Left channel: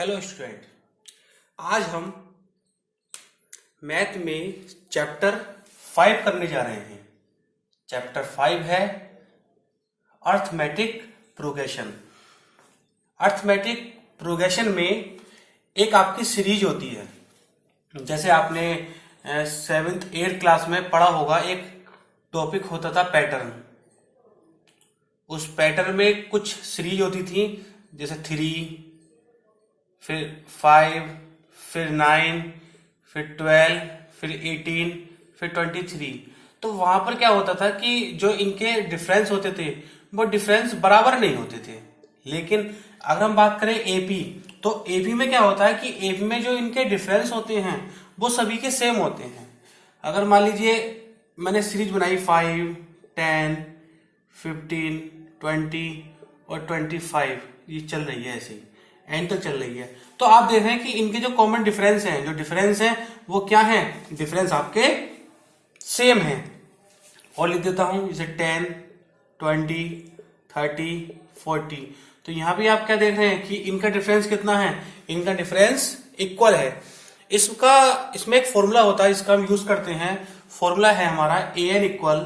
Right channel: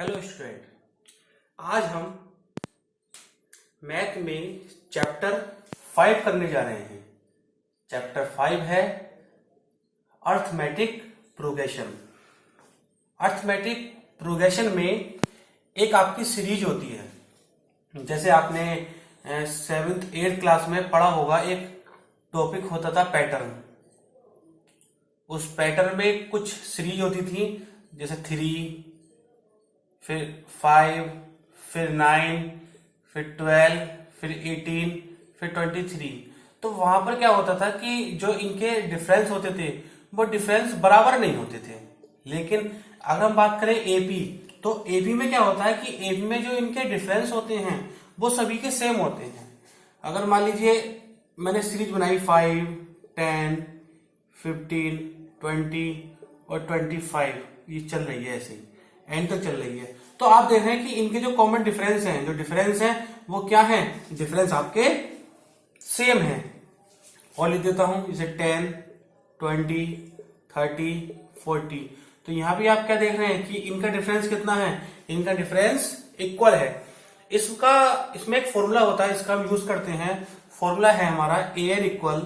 Hello student, आज हम math में चैप्टर 5 करने जा रहे हैं। चैप्टर 5 है अर्थमेटिक प्रोग्रेशन। अर्थमेटिक प्रोग्रेशन में एक आपकी सीरीज होती है। जैसे आपने 7th 8th क्लास में पढ़ा होगा, एक टॉपिक होता था पैटर्न। उस पैटर्न में कुछ सीरीज होती थी, जैसे 3, फिर 5, फिर 9, फिर 12, फिर 18, फिर 23। तो वहां पर क्या होता था कि जो इनके डिफरेंस होते थे वो डिफरेंस बराबर नहीं होते थे। लेकिन अगर हम बात करें एपी, तो एपी में क्या होता है कि एपी में जो इनके डिफरेंस होते हैं वो सभी के सेम होते हैं। अगर मान लीजिए मैंने सीरीज बनाई 5, 10, 15, 20 और 25, ये चल रही है ऐसे ही एंड तक चल रही है। तो आप देख रहे हैं कि इनके जो कॉमन डिफरेंस हैं, जो डिफरेंस हैं वो क्या हैं? डिफरेंस आपके सेम हैं। और लिख देता हूं जैसे 10, 20, 30, 40। तो यहां भी आप क्या देख रहे हैं कि इनका डिफरेंस कितना है? इनका डिफरेंस इक्वल है। इसमें एक फॉर्मूला होता है, इसका हम यूज करते हैं। फॉर्मूला है हमारा an equal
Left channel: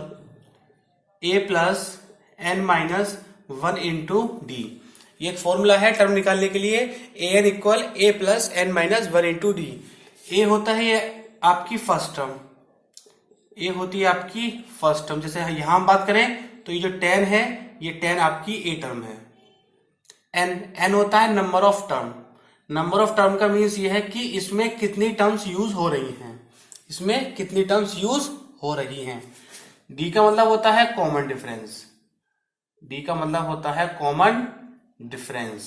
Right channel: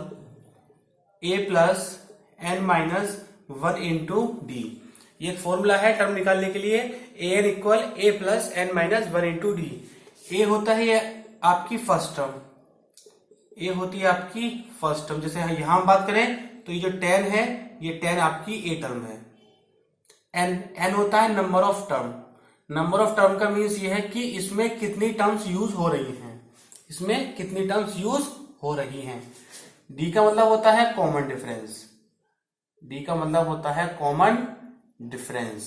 a plus n minus 1 into d. ये एक फॉर्मूला है टर्म निकालने के लिए। an equal a plus n minus 1 into d. A होता है ये आपकी फर्स्ट टर्म, ए होती है आपकी फर्स्ट टर्म। जैसे यहां हम बात करें तो ये जो 10 है, ये 10 आपकी ए टर्म है। n होता है number of term. Number of term का मीन्स ये है कि इसमें कितनी टर्म्स यूज हो रही हैं, इसमें कितनी टर्म्स यूज हो रही हैं। डी का मतलब होता है कॉमन डिफरेंस। डी का मतलब होता है कॉमन डिफरेंस।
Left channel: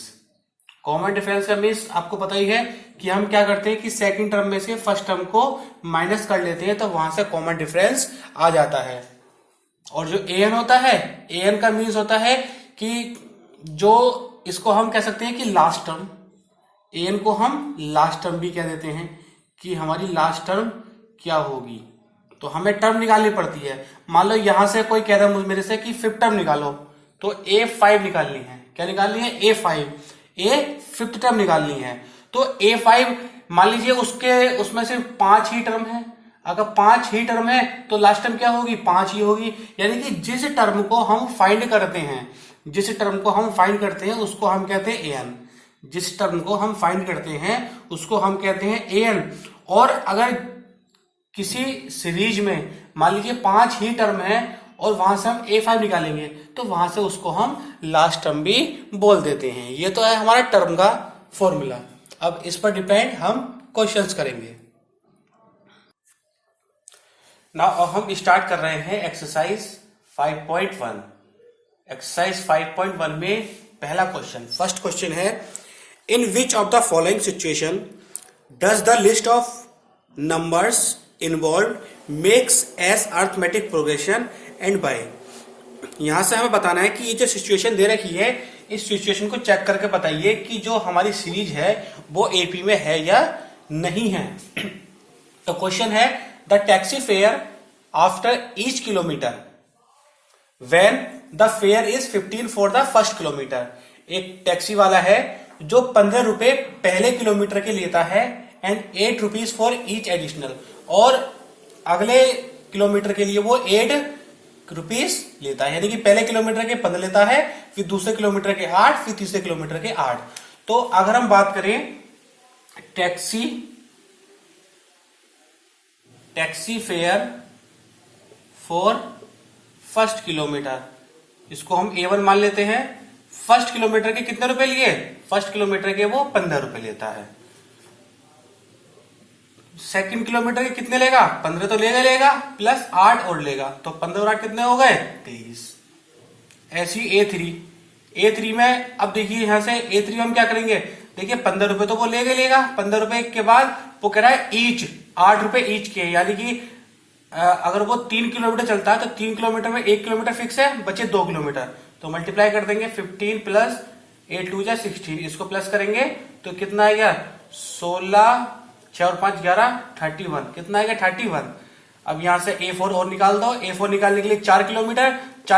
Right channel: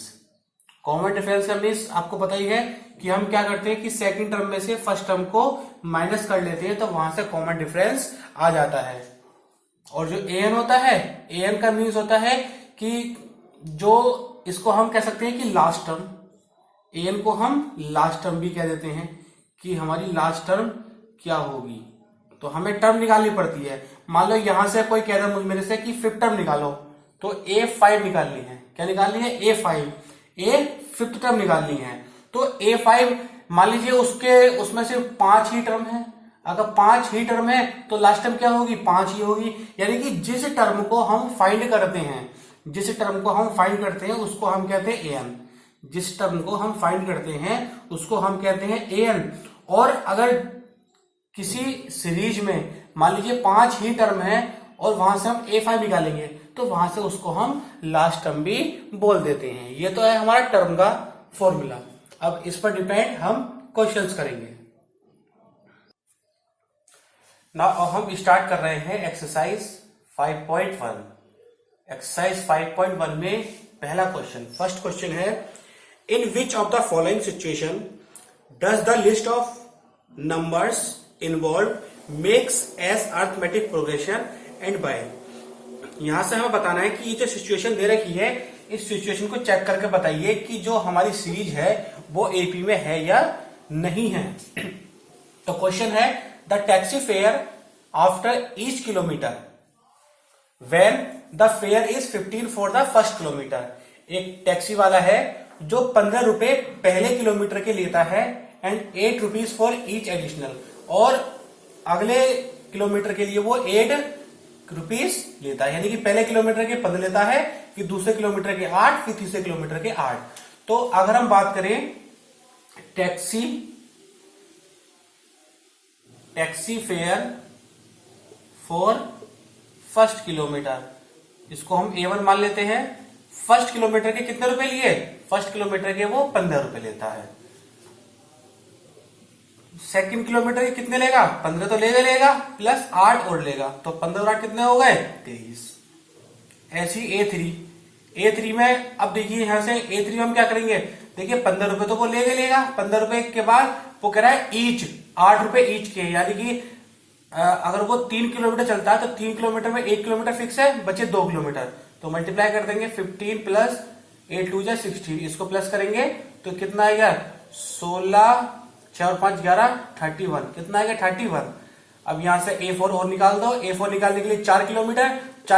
कॉमन डिफरेंस का मीन्स आपको पता ही है कि हम क्या करते हैं कि सेकंड टर्म में से फर्स्ट टर्म को माइनस कर लेते हैं, तो वहां से कॉमन डिफरेंस आ जाता है। और जो an होता है, an का मीन्स होता है कि जो इसको हम कह सकते हैं कि लास्ट टर्म। an को हम लास्ट टर्म भी कह देते हैं कि हमारी लास्ट टर्म क्या होगी। तो हमें टर्म निकालनी पड़ती है। मान लो यहां से कोई कह रहा है मेरे से कि 5th टर्म निकालो, तो A5 निकालनी है। क्या निकालनी है? A5। फिफ्थ टर्म निकालनी है। तो A5 मान लीजिए उसमें सिर्फ 5 ही टर्म है। अगर 5 ही टर्म है तो लास्ट टर्म क्या होगी? 5 ही होगी। यानी कि जिस टर्म को हम फाइंड करते हैं, जिस टर्म को हम फाइंड करते हैं उसको हम कहते हैं an। जिस टर्म को हम फाइंड करते हैं उसको हम कहते हैं an। और अगर किसी सीरीज में मान लीजिए 5 ही टर्म है और वहां से हम A5 निकालेंगे, तो वहां से उसको हम लास्ट टर्म भी बोल देते हैं। ये तो है हमारा टर्म का फॉर्मूला। अब इस पर डिपेंड हम क्वेश्चंस करेंगे ना। अब हम स्टार्ट कर रहे हैं एक्सरसाइज 5.1। एक्सरसाइज 5.1 में पहला क्वेश्चन, फर्स्ट क्वेश्चन है, in which of the following situation does the list of numbers involve makes as arithmetic progression and by. यहां से हमें बताना है कि ये जो सिचुएशन दे रखी है, इस सिचुएशन को चेक करके बताइए कि जो हमारी सीरीज है वो एपी में है या नहीं है। तो क्वेश्चन है, the taxi fare after each kilometre when the fair is 15 for the first kilometre. एक टैक्सी वाला है जो 15 रुपए पहले किलोमीटर के लेता है and 8 rupees for each additional, और अगले किलोमीटर के लिए वो 8 रुपीज लेता है। यानी कि पहले किलोमीटर के 15 लेता है, फिर दूसरे किलोमीटर के 8, फिर तीसरे किलोमीटर के 8। तो अगर हम बात करें taxi fare for first kilometre, इसको हम A1 मान लेते हैं। फर्स्ट किलोमीटर के कितने रुपए लिए? फर्स्ट किलोमीटर के वो 15 रुपए लेता है। सेकंड किलोमीटर के कितने लेगा? 15 तो लेगा प्लस 8 और लेगा, तो 15 और 8 कितने हो गए? 23। ऐसी A3 में अब देखिए यहां से A3 में हम क्या करेंगे? देखिए 15 रुपए तो वो लेगा। 15 रुपए के बाद वो कह रहा है ईच, 8 रुपए ईच के। यानी कि अगर वो 3 किलोमीटर चलता है तो 3 किलोमीटर में 1 किलोमीटर फिक्स है, बचे 2 किलोमीटर। तो मल्टीप्लाई कर देंगे 15 प्लस 8 2 16, इसको प्लस करेंगे तो कितना आएगा? 16, 6 और 5 11, 31। कितना आएगा? 31। अब यहां से A4 और निकाल दो। A4 निकालने के लिए 4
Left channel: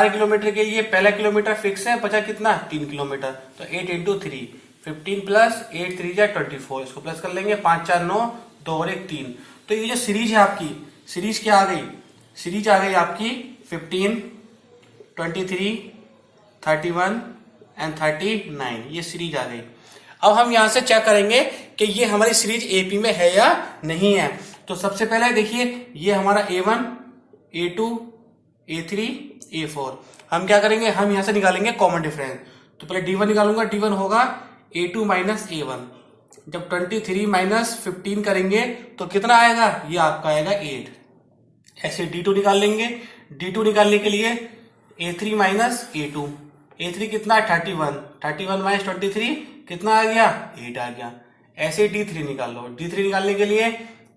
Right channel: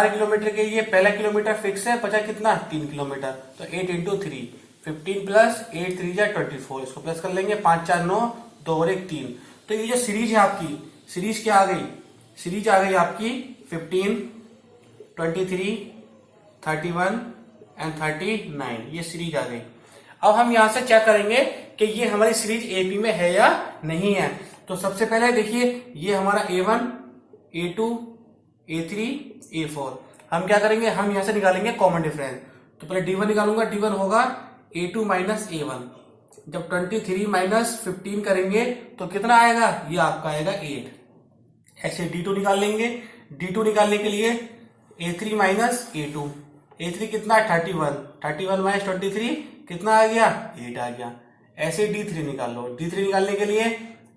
किलोमीटर के लिए पहला किलोमीटर फिक्स है, बचा कितना? 3 किलोमीटर। तो 8 इंटू 3, 15 प्लस 8 3 जा 24, इसको प्लस कर लेंगे, 5 4 9, 2 और 1 3। तो ये जो सीरीज है आपकी, सीरीज क्या आ गई, सीरीज आ गई आपकी 15, 23, 31 एंड 39, ये सीरीज आ गई। अब हम यहां से चेक करेंगे कि ये हमारी सीरीज एपी में है या नहीं है। तो सबसे पहले देखिए, ये हमारा A1, A2, A3, A4। हम क्या करेंगे, हम यहां से निकालेंगे कॉमन डिफरेंस। तो पहले D1 निकालूंगा, D1 होगा A2 माइनस A1। जब 23 माइनस 15 करेंगे तो कितना आएगा, ये आपका आएगा 8। ऐसे D2 निकाल लेंगे। D2 निकालने के लिए A3 माइनस A2, A3 कितना है 31, 31 माइनस 23 कितना आ गया, 8 आ गया। ऐसे D3 निकाल लो। D3 निकालने के लिए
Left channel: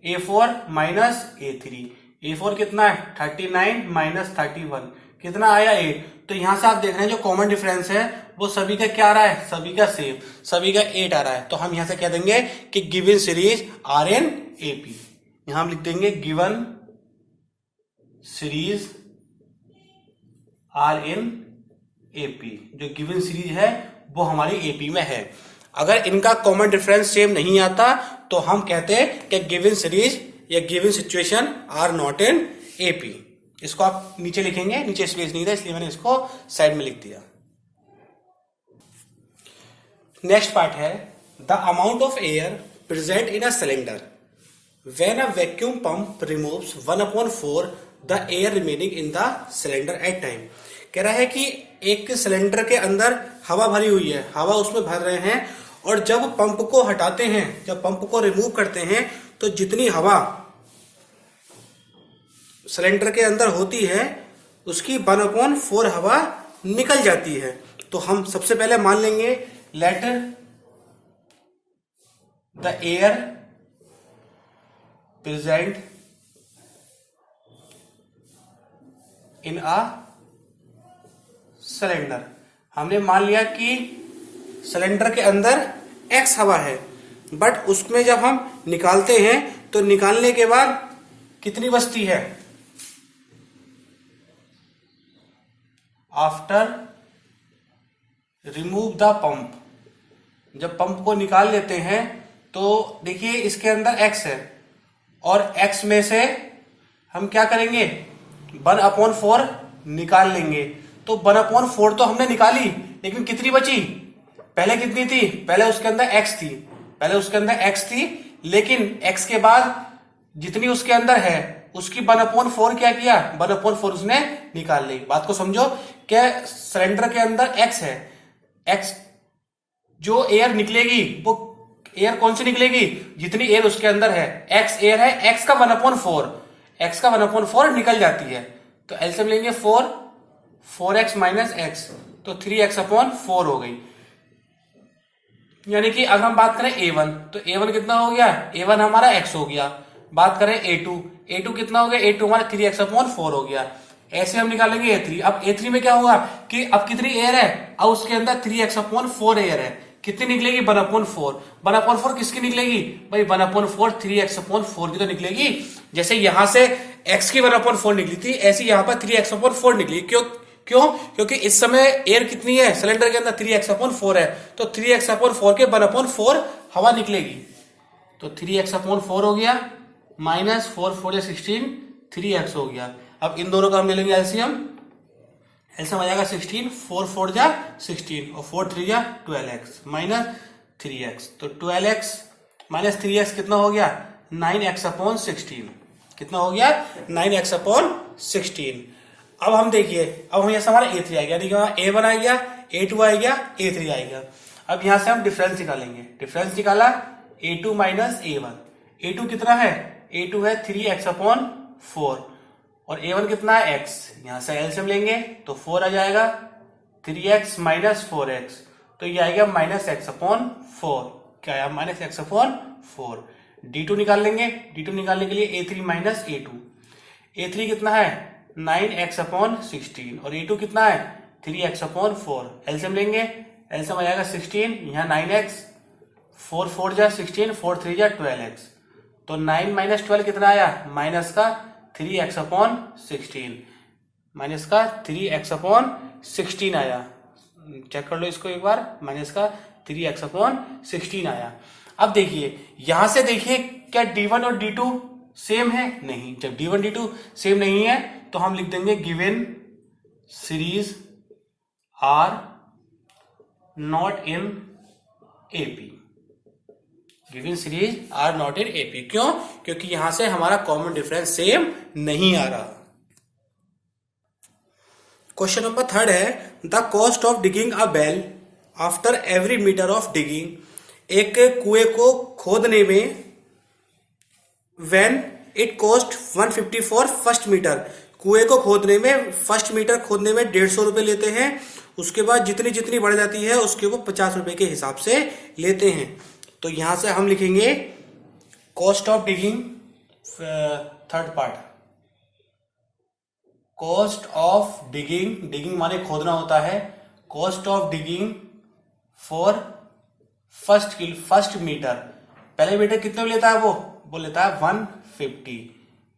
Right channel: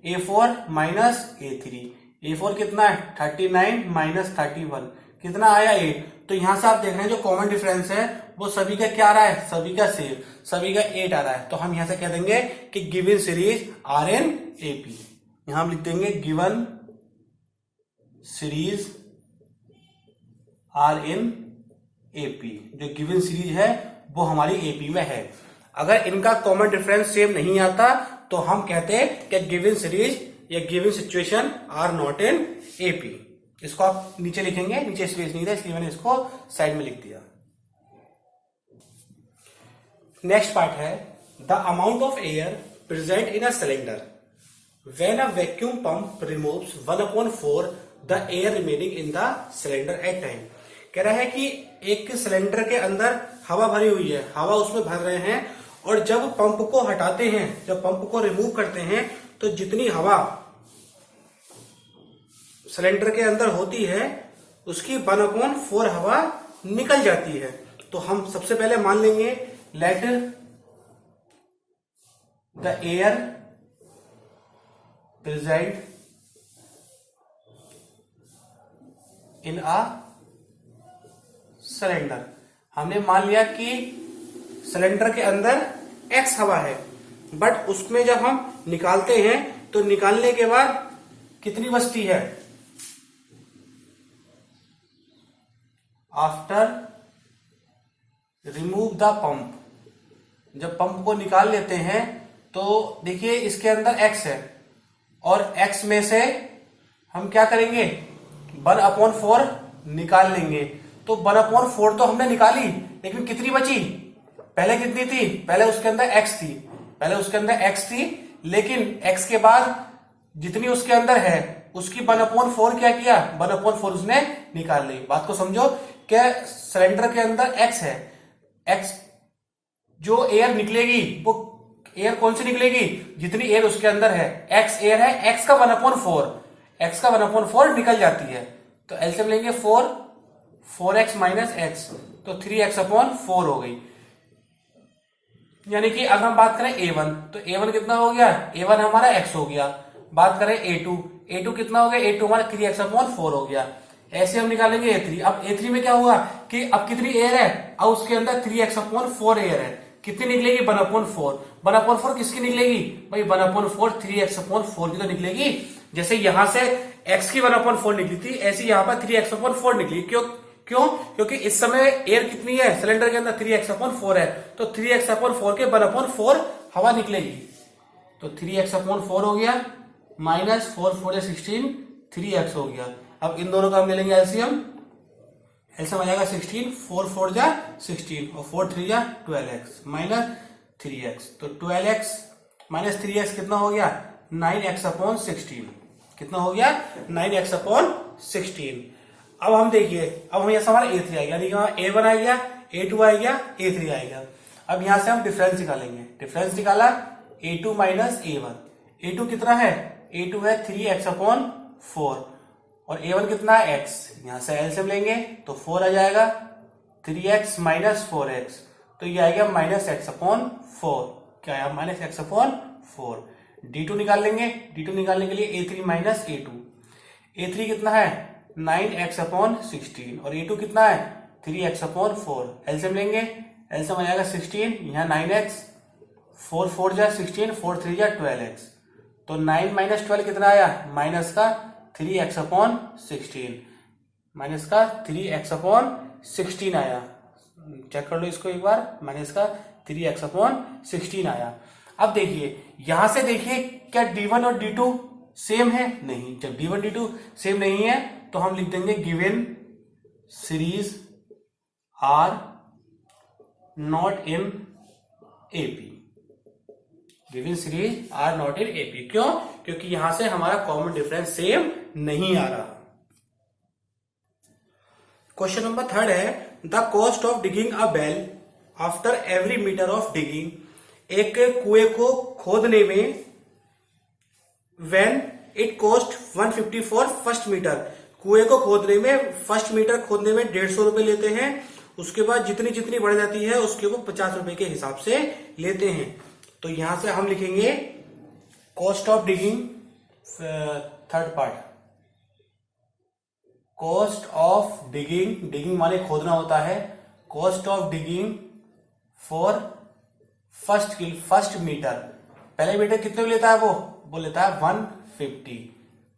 A4 माइनस A3, A4 कितना है 39 माइनस 31 कितना आया 8। तो यहां से आप देख रहे हैं जो कॉमन डिफरेंस है वो सभी का क्या आ रहा है, सभी का सेम, सभी का 8 आ रहा है। तो हम यहां से कह देंगे कि given series are in AP. यहां हम लिख देंगे given series are in AP. जो गिवन सीरीज है वो हमारी एपी में है। अगर इनका कॉमन डिफरेंस सेम नहीं आता तो हम कहते हैं कि गिवन सीरीज या given situation are not in AP. इसको आप नीचे लिखेंगे, नीचे स्पेस नहीं था इसलिए मैंने इसको साइड में लिख दिया। नेक्स्ट पार्ट है the amount of air present in a cylinder when a vacuum pump removes 1/4 the air remaining in the cylinder at time. कह रहा है कि एक सिलेंडर के अंदर हवा भरी हुई है, हवा उसमें भर रहे हैं, और जब पंप को हटाते हैं, जब पंप को रिमूव करते हैं तो जितनी हवा सिलेंडर के अंदर होती है उसकी 1/4 हवा निकल जाती है। तो हम सबसे पहले मान लेंगे let the air present in a cylinder. हमने मान लिया कि सिलेंडर के अंदर X हवा है, बट उसमें जब हम निकालते हैं तो निकालने के बाद कितनी बचती है, आफ्टर रिमूव द पंप। जब पंप को निकाल लेते हैं तो देखिए इसके अंदर X है, और X में से हम क्या करेंगे 1/4 निकाल लेंगे। तो 1/4 तो हमने निकाली, लेकिन कितनी बची, पहले कितनी थी, पहले उसके अंदर X थी, पहले उसके अंदर X थी, लेकिन X के बाद जितनी उसके अंदर है उसकी 1/4 क्या किया, 1/4 उसने निकाल ली। बात को समझो कि सिलेंडर के अंदर X है, X जो एयर निकलेगी वो एयर कौन सी निकलेगी, जितनी एयर उसके अंदर है, X एयर है, X का 1/4, X का 1/4 निकल जाती है। तो एलसीएम लेंगे 4x माइनस x, तो 3x/4 हो गई। यानी कि अगर हम बात करें A1 तो A1 कितना हो गया, A1 हमारा x हो गया। बात करें A2 कितना हो गया, A2 हमारा 3x/4 हो गया। ऐसे हम निकालेंगे A3। अब A3 में क्या होगा कि अब कितनी एयर है, अब उसके अंदर 3x/4 एयर है, कितनी निकलेगी 1/4। 1/4 किसकी निकलेगी भाई, 1/4 3x/4 की तो निकलेगी। जैसे यहां से x की 1/4 निकली थी, ऐसी यहां पर 3x/4 निकली। क्यों, क्योंकि इस समय एयर कितनी है सिलेंडर के अंदर, 3x/4 है, तो 3x/4 के 1/4 हवा निकलेगी। तो 3x/4 हो गया, माइनस 4 4 16, 3x हो गया। अब इन दोनों का हम ले लेंगे एलसीएम आ जाएगा 16, 4 4 जा 16 और 4 3 जा 12x माइनस 3x। तो 12x माइनस 3x कितना हो गया, 9x/16। कितना हो गया, 9x/16। अब हम देखिए, अब हम यहां से हमारा A3 आ गया, यानी कि हमारा A1 आ गया, A2 आ गया, A3 आएगा। अब यहां से हम डिफरेंस निकालेंगे। डिफरेंस निकाला A2 माइनस A1। A2 कितना है, A2 है 3x/4 और A1 कितना है x। यहां से एलसीएम लेंगे तो 4 आ जाएगा, 3x माइनस 4x, तो ये आएगा माइनस x/4। क्या आया, माइनस x/4। D2 निकाल लेंगे। D2 निकालने के लिए A3 माइनस A2। A3 कितना है 9x/16 और A2 कितना है 3x/4। एलसीएम लेंगे, एलसीएम आ जाएगा 16, यहाँ 9x, 4 4 जा 16, 4 3 जा 12x, तो 9 माइनस 12 कितना आया, माइनस का 3x/16, माइनस का 3x/16 आया। चेक कर लो इसको एक बार, माइनस का 3x/16 आया। अब देखिए यहां से देखिए क्या D1 और D2 सेम है? नहीं। जब D1 D2 सेम नहीं है तो हम लिख देंगे given series are not in AP. Given series are not in AP क्यों? क्योंकि यहां से हमारा कॉमन डिफरेंस सेम नहीं आ रहा। क्वेश्चन नंबर 3 है the cost of digging a well after every metre of digging. एक कुएं को खोदने में when it cost 150 for first metre. कुएं को खोदने में फर्स्ट मीटर खोदने में 150 रुपए लेते हैं। उसके बाद जितनी जितनी बढ़ जाती है उसके वो 50 रुपए के हिसाब से लेते हैं। तो यहां से हम लिखेंगे cost of digging, third part, cost of digging, digging माने खोदना होता है, cost of digging for first metre. पहले मीटर कितने में लेता है वो लेता है 150।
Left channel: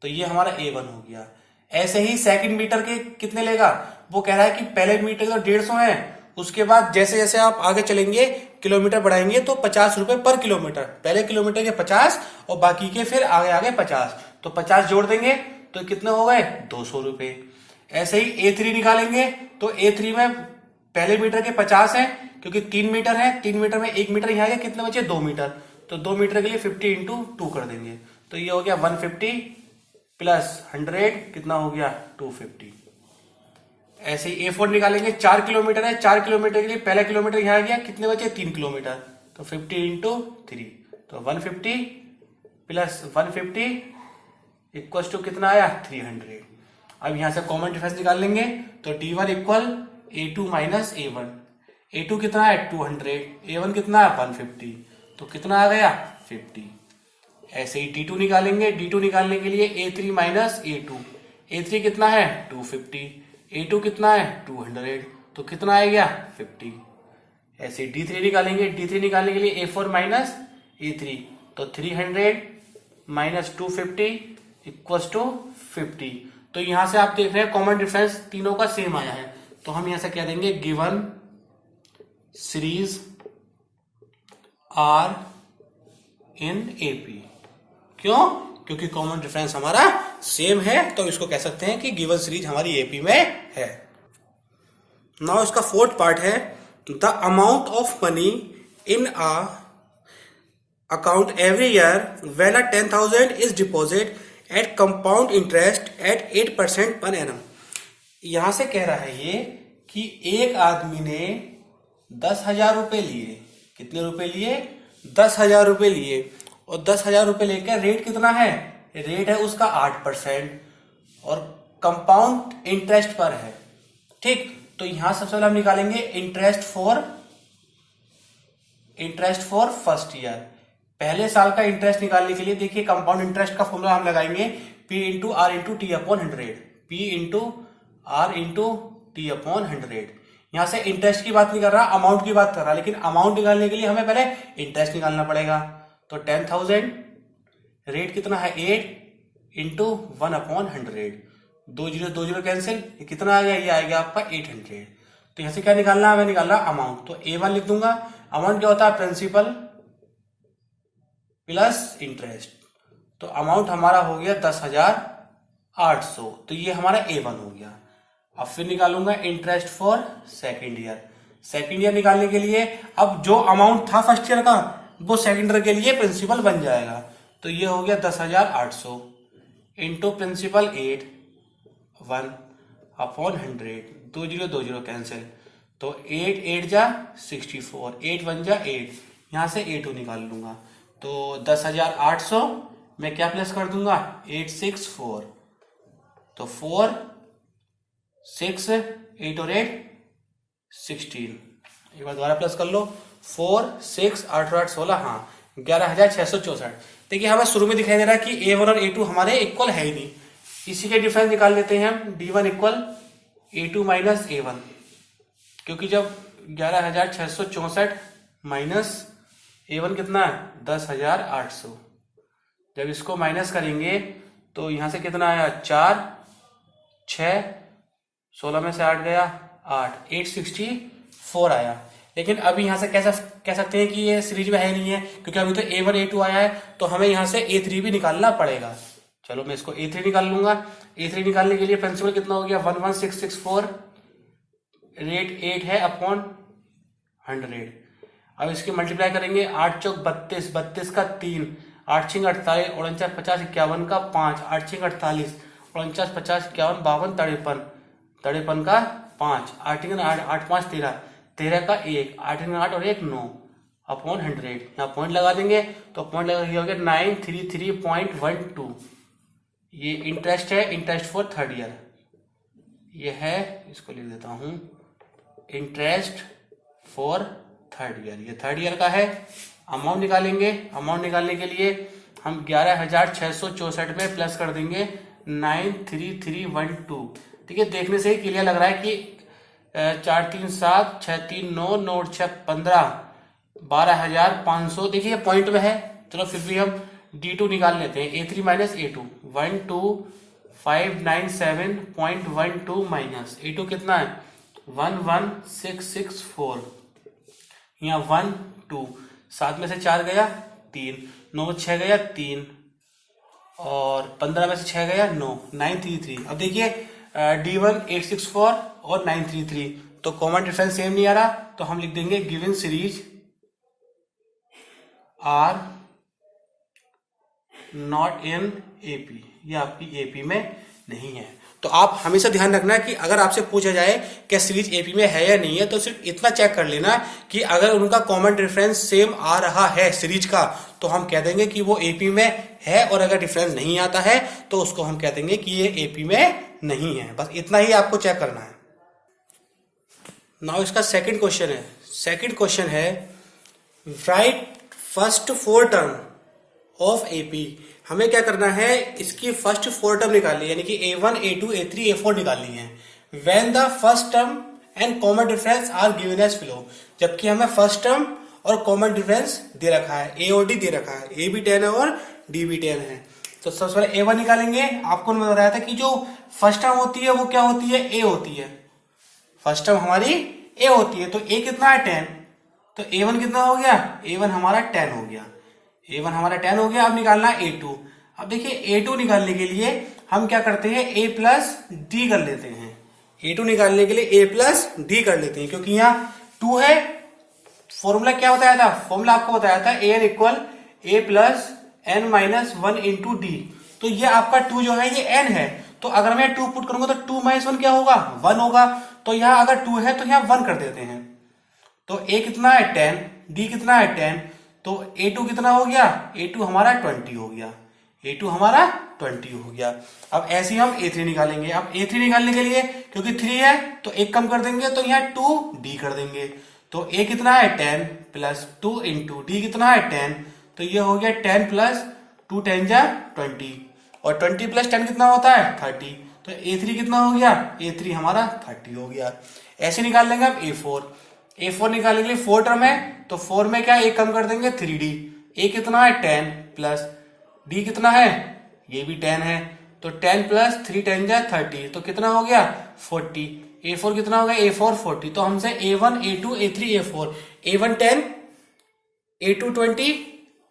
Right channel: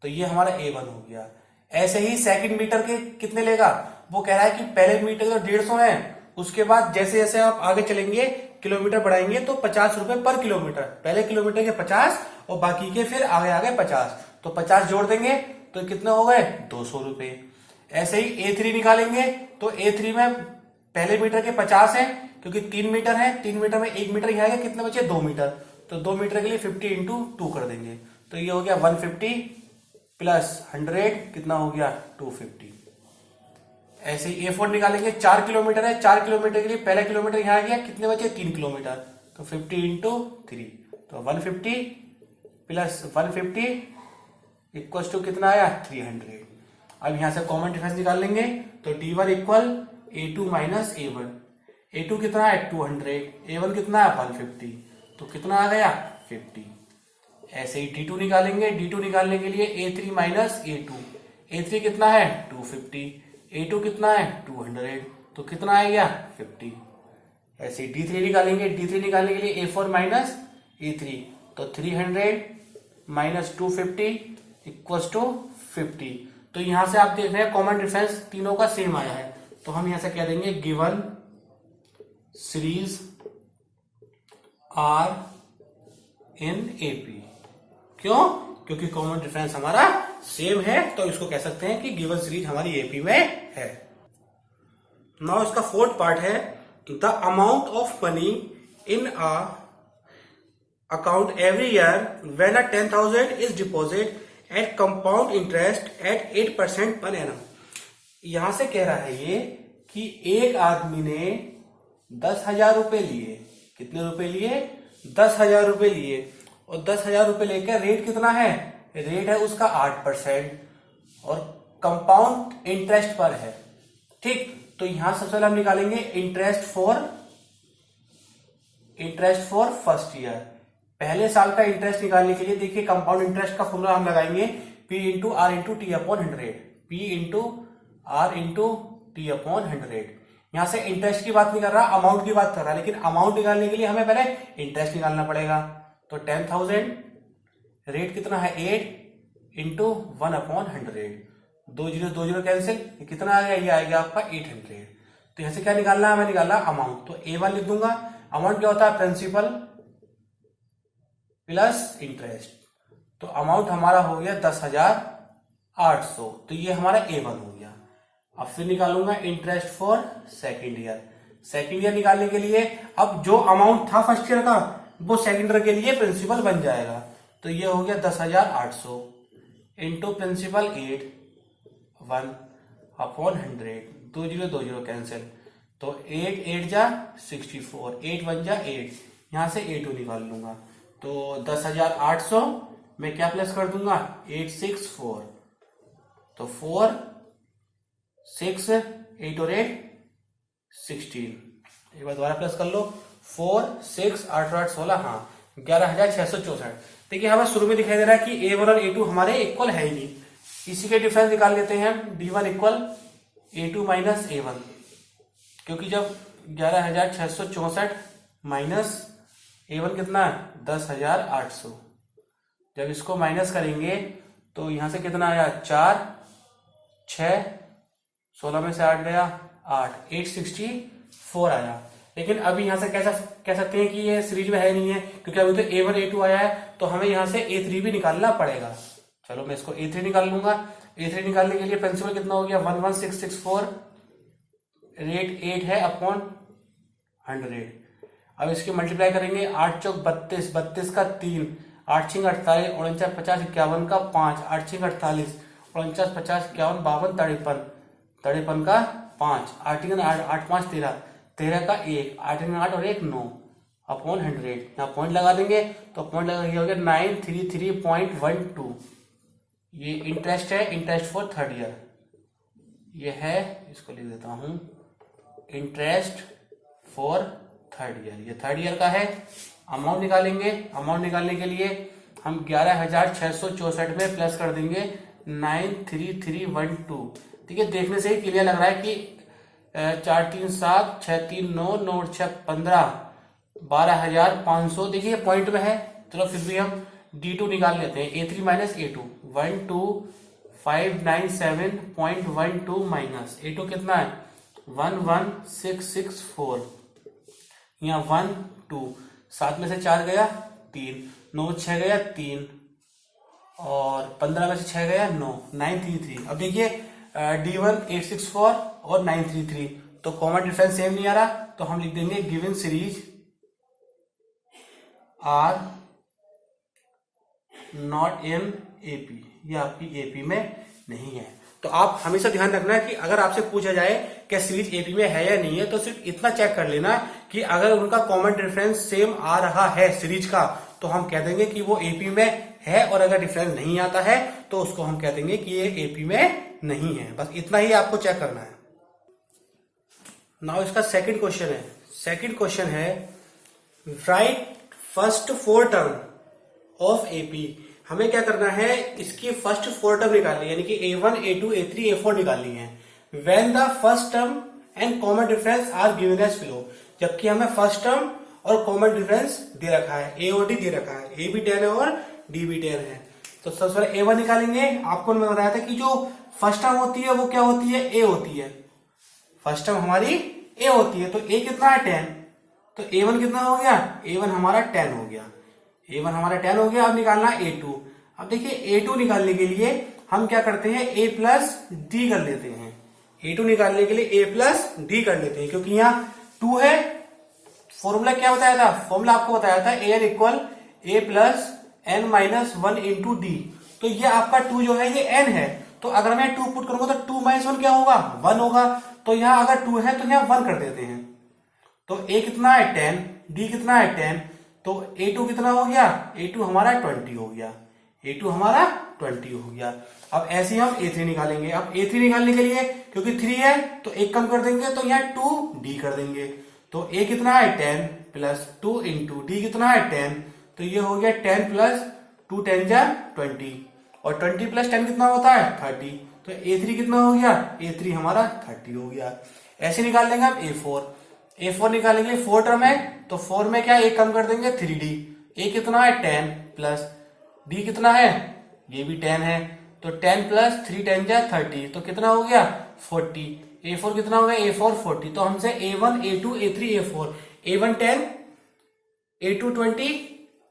तो ये हमारा A1 हो गया। ऐसे ही सेकंड मीटर के कितने लेगा? वो कह रहा है कि पहले मीटर तो 150 है, उसके बाद जैसे जैसे आप आगे चलेंगे किलोमीटर बढ़ाएंगे तो 50 रुपए पर किलोमीटर। पहले किलोमीटर के 50 और बाकी के फिर आगे आगे 50। तो 50 जोड़ देंगे तो कितने हो गए? 200 रुपए। ऐसे ही A3 निकालेंगे तो A3 में पहले मीटर के 50 है क्योंकि 3 मीटर है, 3 मीटर में 1 मीटर यहाँ कितने बचे? 2 मीटर। तो 2 मीटर के लिए 50 इंटू 2 कर देंगे तो ये हो गया 150 प्लस 100 कितना हो गया? 250। ऐसे ही A4 निकालेंगे, 4 किलोमीटर है, 4 किलोमीटर के लिए पहला किलोमीटर यहाँ गया, कितने बचे? 3 किलोमीटर। तो 50 इंटू 3 तो 150 प्लस 150 इक्वल टू कितना आया? 300। अब यहां से कॉमन डिफरेंस निकाल लेंगे तो D1 equal A2 minus A1। A2 कितना है? 200, A1 कितना है? 150। तो कितना आ गया? 50। ऐसे ही D2 निकालेंगे, D2 निकालने के लिए A3 माइनस A2। A3 कितना है? 250, A2 कितना है? 200। तो कितना आ गया? 50। ऐसे D3 निकालेंगे, D3 निकालने के लिए A4 माइनस A3 तो 300 माइनस 250 इक्वल टू 50। तो यहां से आप देख रहे हैं कॉमन डिफरेंस तीनों का सेम आया है। तो हम यहां से कह देंगे given series are in AP. क्यों? क्योंकि कॉमन डिफरेंस हमारा सेम है तो इसको कह सकते हैं कि गिवन सीरीज हमारी एपी में है। नाउ इसका फोर्थ पार्ट है the amount of money in a account every year when 10,000 is deposit eight compound interest eight 8% per annum. यहां से कह रहा है ये कि एक आदमी ने 10,000 रुपए लिए। कितने रुपए लिए? 10,000 रुपए लिए और 10,000 रुपए लेकर रेट कितना है? रेट है उसका 8% और कंपाउंड इंटरेस्ट पर है। ठीक, तो यहां सबसे पहले हम निकालेंगे इंटरेस्ट फॉर फर्स्ट ईयर। पहले साल का इंटरेस्ट निकालने के लिए देखिए कंपाउंड इंटरेस्ट का फॉर्मूला हम लगाएंगे P into r into t upon 100। P into r into t upon 100। यहां से इंटरेस्ट की बात नहीं कर रहा, अमाउंट की बात कर रहा, लेकिन अमाउंट निकालने के लिए हमें पहले इंटरेस्ट निकालना पड़ेगा। तो 10,000 रेट कितना है? 8 इंटू 1 अपॉन 100। 2 0 कैंसिल, कितना आ गया? ये आ गया आपका 800। तो यहां से क्या निकालना है? हमें निकालना अमाउंट। तो A1 लिख दूंगा। अमाउंट क्या होता है? Principal plus interest. तो अमाउंट हमारा हो गया 10,800। तो ये हमारा A1 हो गया। अब फिर निकालूंगा interest for second year. Second year निकालने के लिए अब जो अमाउंट था फर्स्ट ईयर का वो सेकेंड ईयर के लिए प्रिंसिपल बन जाएगा। तो ये हो गया 10,800 इंटू प्रिंसिपल 8 1 अपॉन 100। 2 0 कैंसिल, तो 8 8 जा 64, 8 1 जा 8, यहां से A2 निकाल लूंगा। तो 10,800 में क्या प्लस कर दूंगा? 864। तो 4 6 8 और 8 16। एक बार दोबारा प्लस कर लो। 4 6 8 और 8 16, हाँ 11,664। देखिए हमें शुरू में दिखाई दे रहा है कि A1 और A2 हमारे इक्वल है ही नहीं। इसी के डिफरेंस निकाल लेते हैं हम। D1 equal A2 minus A1, क्योंकि जब 11,664 माइनस A1 कितना है? 10,800। जब इसको माइनस करेंगे तो यहां से कितना आया? 4 6 16 में से 8 गया 8, 864 आया। लेकिन अभी यहां से कह सकते हैं कि ये सीरीज में है नहीं है, क्योंकि अभी तो A1 A2 आया है, तो हमें यहां से A3 भी निकालना पड़ेगा। चलो मैं इसको A3 निकाल लूंगा। A3 निकालने के लिए प्रिंसिपल कितना हो गया, 11664 रेट 8 है अपॉन 100। अब इसकी मल्टीप्लाई करेंगे, 8 चौक 32, 32 का 3, 8 छिंग 48, 49 50 51 का 5, 8 छिंग 48, 49 50 51 52 53, 53 का 5, 8 8 8 5 13, 13 का 1, 8 8 और 1 9 अपॉन 100। यहाँ पॉइंट लगा देंगे, तो पॉइंट लगा हो गया 933.12। ये इंटरेस्ट है, इंटरेस्ट फॉर थर्ड ईयर। ये है, इसको लिख देता हूं, इंटरेस्ट फॉर थर्ड ईयर। ये थर्ड ईयर का है। अमाउंट निकालेंगे। अमाउंट निकालने के लिए हम 11,664 में प्लस कर देंगे 93312। ठीक है, देखने से ही क्लियर लग रहा है कि 4 3 7 6 3 9 9 6 15 12,500। देखिए पॉइंट में है। चलो फिर भी हम D2 निकाल लेते हैं। A3 minus A2 12,597.12 minus A2 कितना है 11,664। यहाँ 1 2 7 में से 4 गया 3, 9 6 गया 3 और 15 में से 6 गया 9, 933। अब देखिए D1 864 और 933, तो कॉमन डिफरेंस सेम नहीं आ रहा, तो हम लिख देंगे given series are not in AP. ये आपकी एपी में नहीं है। तो आप हमेशा ध्यान रखना कि अगर आपसे पूछा जाए कि सीरीज एपी में है या नहीं है, तो सिर्फ इतना चेक कर लेना कि अगर उनका कॉमन डिफरेंस सेम आ रहा है सीरीज का, तो हम कह देंगे कि वो एपी में है, और अगर डिफरेंस नहीं आता है तो उसको हम कह देंगे कि ये एपी में नहीं है। बस इतना ही आपको चेक करना है। नाउ इसका सेकंड क्वेश्चन है। सेकंड क्वेश्चन है right first 4 term of AP. हमें क्या करना है, इसकी फर्स्ट 4 टर्म निकालनी है, यानी कि A1 A2 A3 A4 निकालनी है। When the first term and common difference are given as below. जबकि हमें फर्स्ट टर्म और कॉमन डिफरेंस दे रखा है, A और D दे रखा है, A भी 10 है और D भी 10 है। तो सबसे पहले A1 निकालेंगे। आपको मैं बताया था कि जो फर्स्ट टर्म होती है वो क्या होती है, A होती है। फर्स्ट टर्म हमारी A होती है, तो A कितना है 10, तो A1 कितना हो गया, A1 हमारा 10 हो गया। A1 हमारा 10 हो गया। अब निकालना है A2। अब देखिए A2 निकालने के लिए हम क्या करते हैं, A प्लस D कर लेते हैं। A2 निकालने के लिए A प्लस D कर लेते हैं, क्योंकि यहाँ 2 है। फॉर्मूला क्या बताया था, फॉर्मूला आपको बताया था AN equal A plus N minus 1 into D। तो ये आपका 2 जो है ये N है, तो अगर मैं 2 पुट करूंगा तो 2 माइनस 1 क्या होगा, 1 होगा। तो यहाँ अगर 2 है तो यहाँ 1 कर देते हैं। तो A कितना है 10, D कितना है 10, तो A2 कितना हो गया, A2 हमारा 20 हो गया। A2 हमारा 20 हो गया। अब ऐसे ही हम A3 निकालेंगे। अब A3 निकालने के लिए क्योंकि 3 है तो 1 कम कर देंगे, तो यहाँ 2D कर देंगे। तो A कितना है 10 प्लस 2 इंटू D कितना है 10, तो ये हो गया 10 प्लस 2 10 जा 20, और 20 प्लस 10 कितना होता है 30। तो A3 कितना हो गया, A3 हमारा 30 हो गया। ऐसे निकाल लेंगे अब A4 निकालेंगे। 4 टर्म है तो 4 में क्या 1 कम कर देंगे 3D। A कितना है 10 प्लस D कितना है, ये भी 10 है, तो 10 प्लस 3 10 जा 30, तो कितना हो गया 40। A4 कितना हो गया, A4 40। तो हमसे A1 A2 A3 A4, A1 10 A2 20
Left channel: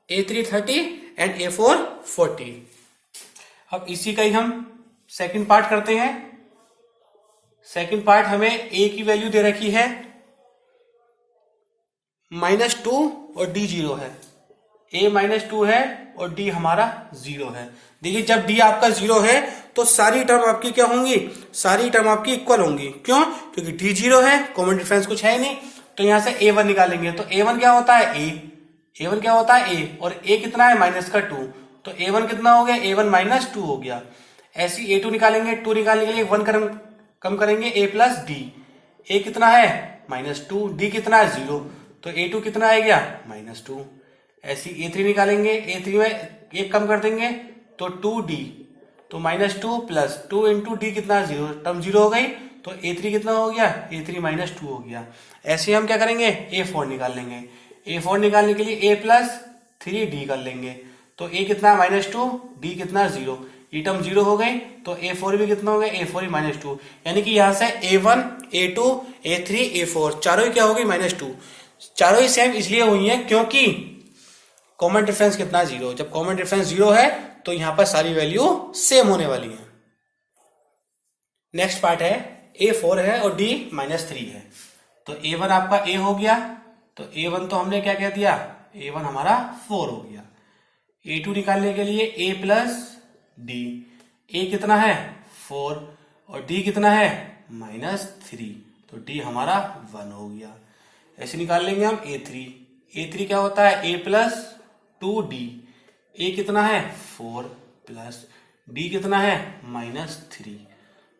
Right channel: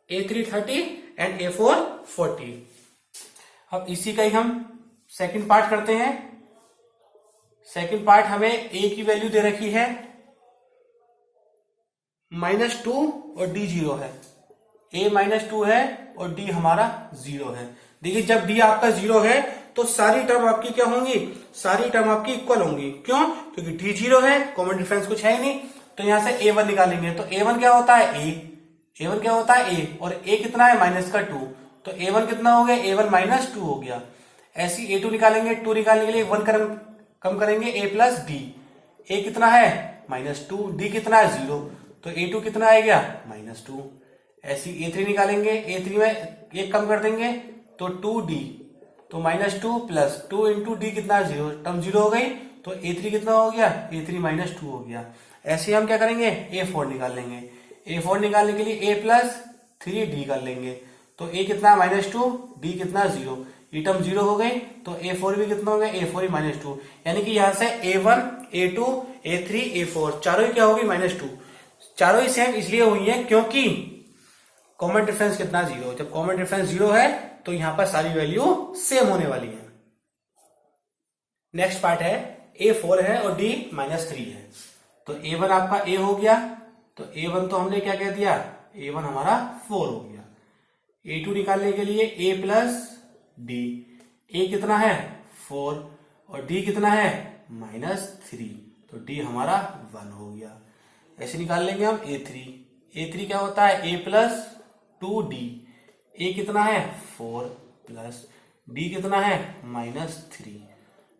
A3 30 and A4 40। अब इसी का ही हम सेकंड पार्ट करते हैं। सेकंड पार्ट हमें A की वैल्यू दे रखी है -2 और D 0 है। A -2 है और D हमारा 0 है। देखिए जब D आपका 0 है तो सारी टर्म आपकी क्या होंगी, सारी टर्म आपकी इक्वल होंगी। क्यों, क्योंकि D 0 है, कॉमन डिफरेंस कुछ है नहीं। तो यहां से A1 निकालेंगे, तो A1 क्या होता है A1 क्या होता है A, और A कितना है -2, तो A1 कितना हो गया, A1 -2 हो गया। ऐसी A2 निकालेंगे। 2 निकालने के लिए 1 कम करेंगे, A प्लस D। A कितना है -2, D कितना है 0, तो A2 कितना आ गया -2। ऐसी A3 निकालेंगे। A3 में 1 कम कर देंगे तो 2D, तो -2 प्लस 2 इंटू D कितना 0, टर्म 0 हो गई, तो A3 कितना हो गया, A3 -2 हो गया। ऐसे ही हम क्या करेंगे, A4 निकाल लेंगे। A4 निकालने के लिए A प्लस 3D कर लेंगे, तो A कितना -2 D कितना 0। ये टर्म 0 हो गई, तो A4 भी कितना हो गया, A4 -2, यानी कि यहां से A1, A2, A3, A4 चारों ही क्या हो गई, -2। चारों ही सेम इसलिए हुई है क्योंकि कॉमन डिफरेंस कितना, 0। जब कॉमन डिफरेंस 0 है तो यहां पर सारी वैल्यू सेम होने वाली है। नेक्स्ट पार्ट है, A4 है और D -3 है, तो A1 आपका A हो गया, तो A1 तो हमने क्या कह दिया, A1 हमारा 4 हो गया। A2 निकालने के लिए A प्लस D, A कितना है 4 और D कितना है -3, तो D हमारा 1 हो गया। ऐसे निकाल लेंगे हम A3, A3 क्या होता है A प्लस 2D, A कितना है 4 प्लस D कितना है -3,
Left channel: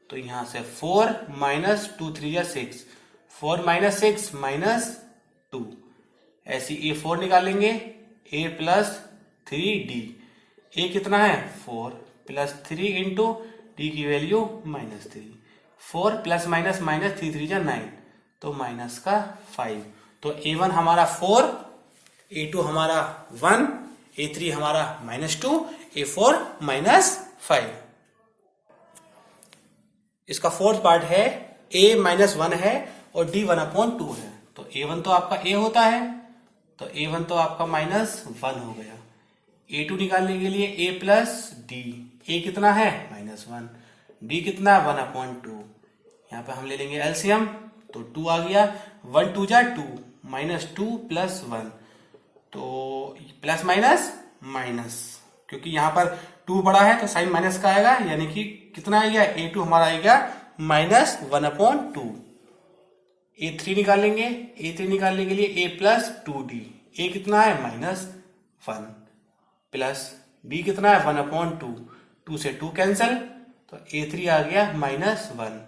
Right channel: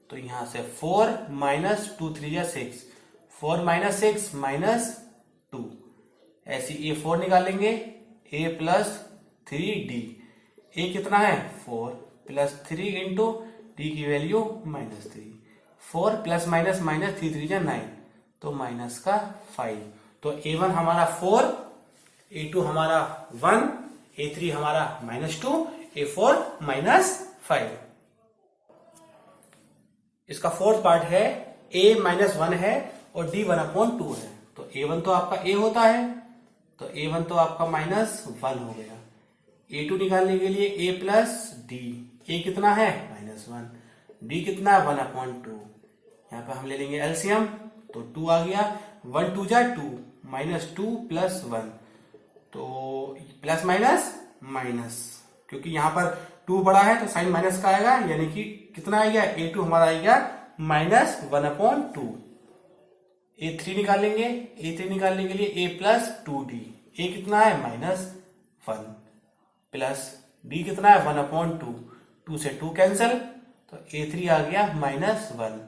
तो यहां से 4 -2 3 या 6, 4 - 6 -2, ऐसी A4 निकालेंगे A प्लस 3D, A कितना है 4 प्लस 3 इंटू D की वैल्यू -3, 4 प्लस माइनस माइनस 3 3 9, तो माइनस का 5, तो A1 हमारा 4, A2 हमारा 1, A3 हमारा -2, A4 -5। इसका फोर्थ पार्ट है A -1 है और D 1/2 है, तो A1 तो आपका A होता है, तो A1 तो आपका -1 हो गया। A2 निकालने के लिए A प्लस D, A कितना है -1, D कितना है 1/2, यहाँ पे हम ले लेंगे एलसीएम, तो 2 आ गया, 1 2 जा 2, -2 प्लस 1, तो प्लस माइनस माइनस, क्योंकि यहां पर 2 बड़ा है तो साइन माइनस का आएगा, यानी कि कितना आएगा A2 हमारा आएगा -1/2। A3 निकालेंगे, A3 निकालने के लिए A प्लस 2D, A कितना है -1 प्लस D कितना है 1/2, 2 से 2 कैंसल, तो A3 आ गया -1।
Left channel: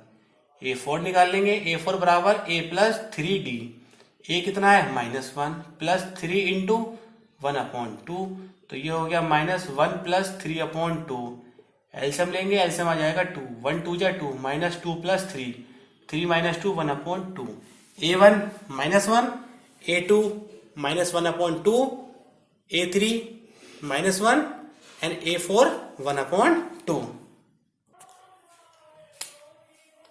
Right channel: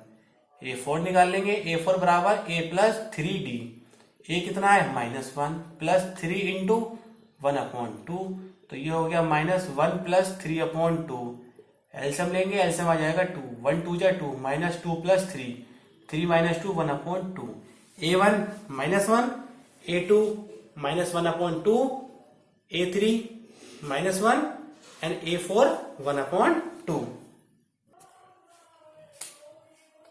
A4 निकाल लेंगे, A4 बराबर A प्लस 3D, A कितना है -1 प्लस 3 इंटू 1/2, तो ये हो गया -1 प्लस 3/2, एलसीएम लेंगे, एलसीएम आ जाएगा 2, 1 2 जा 2, -2 plus 3, 3 -2 1/2, A1 -1, A2 -1/2, A3 -1 and A4 1/2।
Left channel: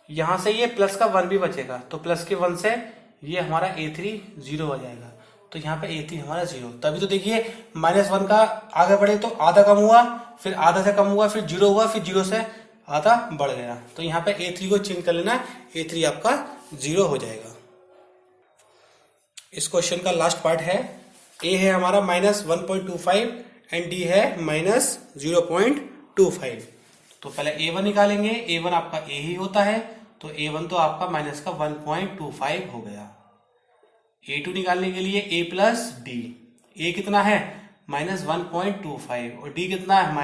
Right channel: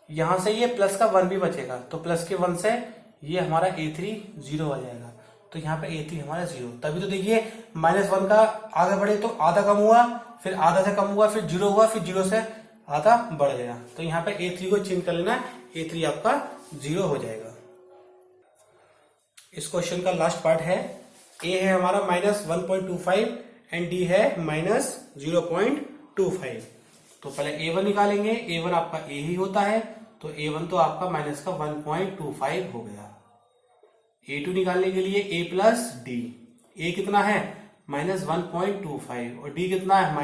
यहां से ये प्लस का 1 भी बचेगा, तो प्लस के 1 से ये हमारा A3 0 हो जाएगा, तो यहाँ पे A3 हमारा 0। तभी तो देखिए -1 का आगे बढ़े तो आधा कम हुआ, फिर आधा से कम हुआ, फिर 0 हुआ, फिर 0 से आधा बढ़ गया, तो यहाँ पे A3 को चेंज कर लेना, A3 आपका 0 हो जाएगा। इस क्वेश्चन का लास्ट पार्ट है, A है हमारा -1.25 एंड D है -0.25, तो पहले A1 निकालेंगे, A1 आपका A ही होता है, तो A1 तो आपका माइनस का 1.25 हो गया। A2 निकालने के लिए A प्लस D, A कितना है -1.25 और D कितना है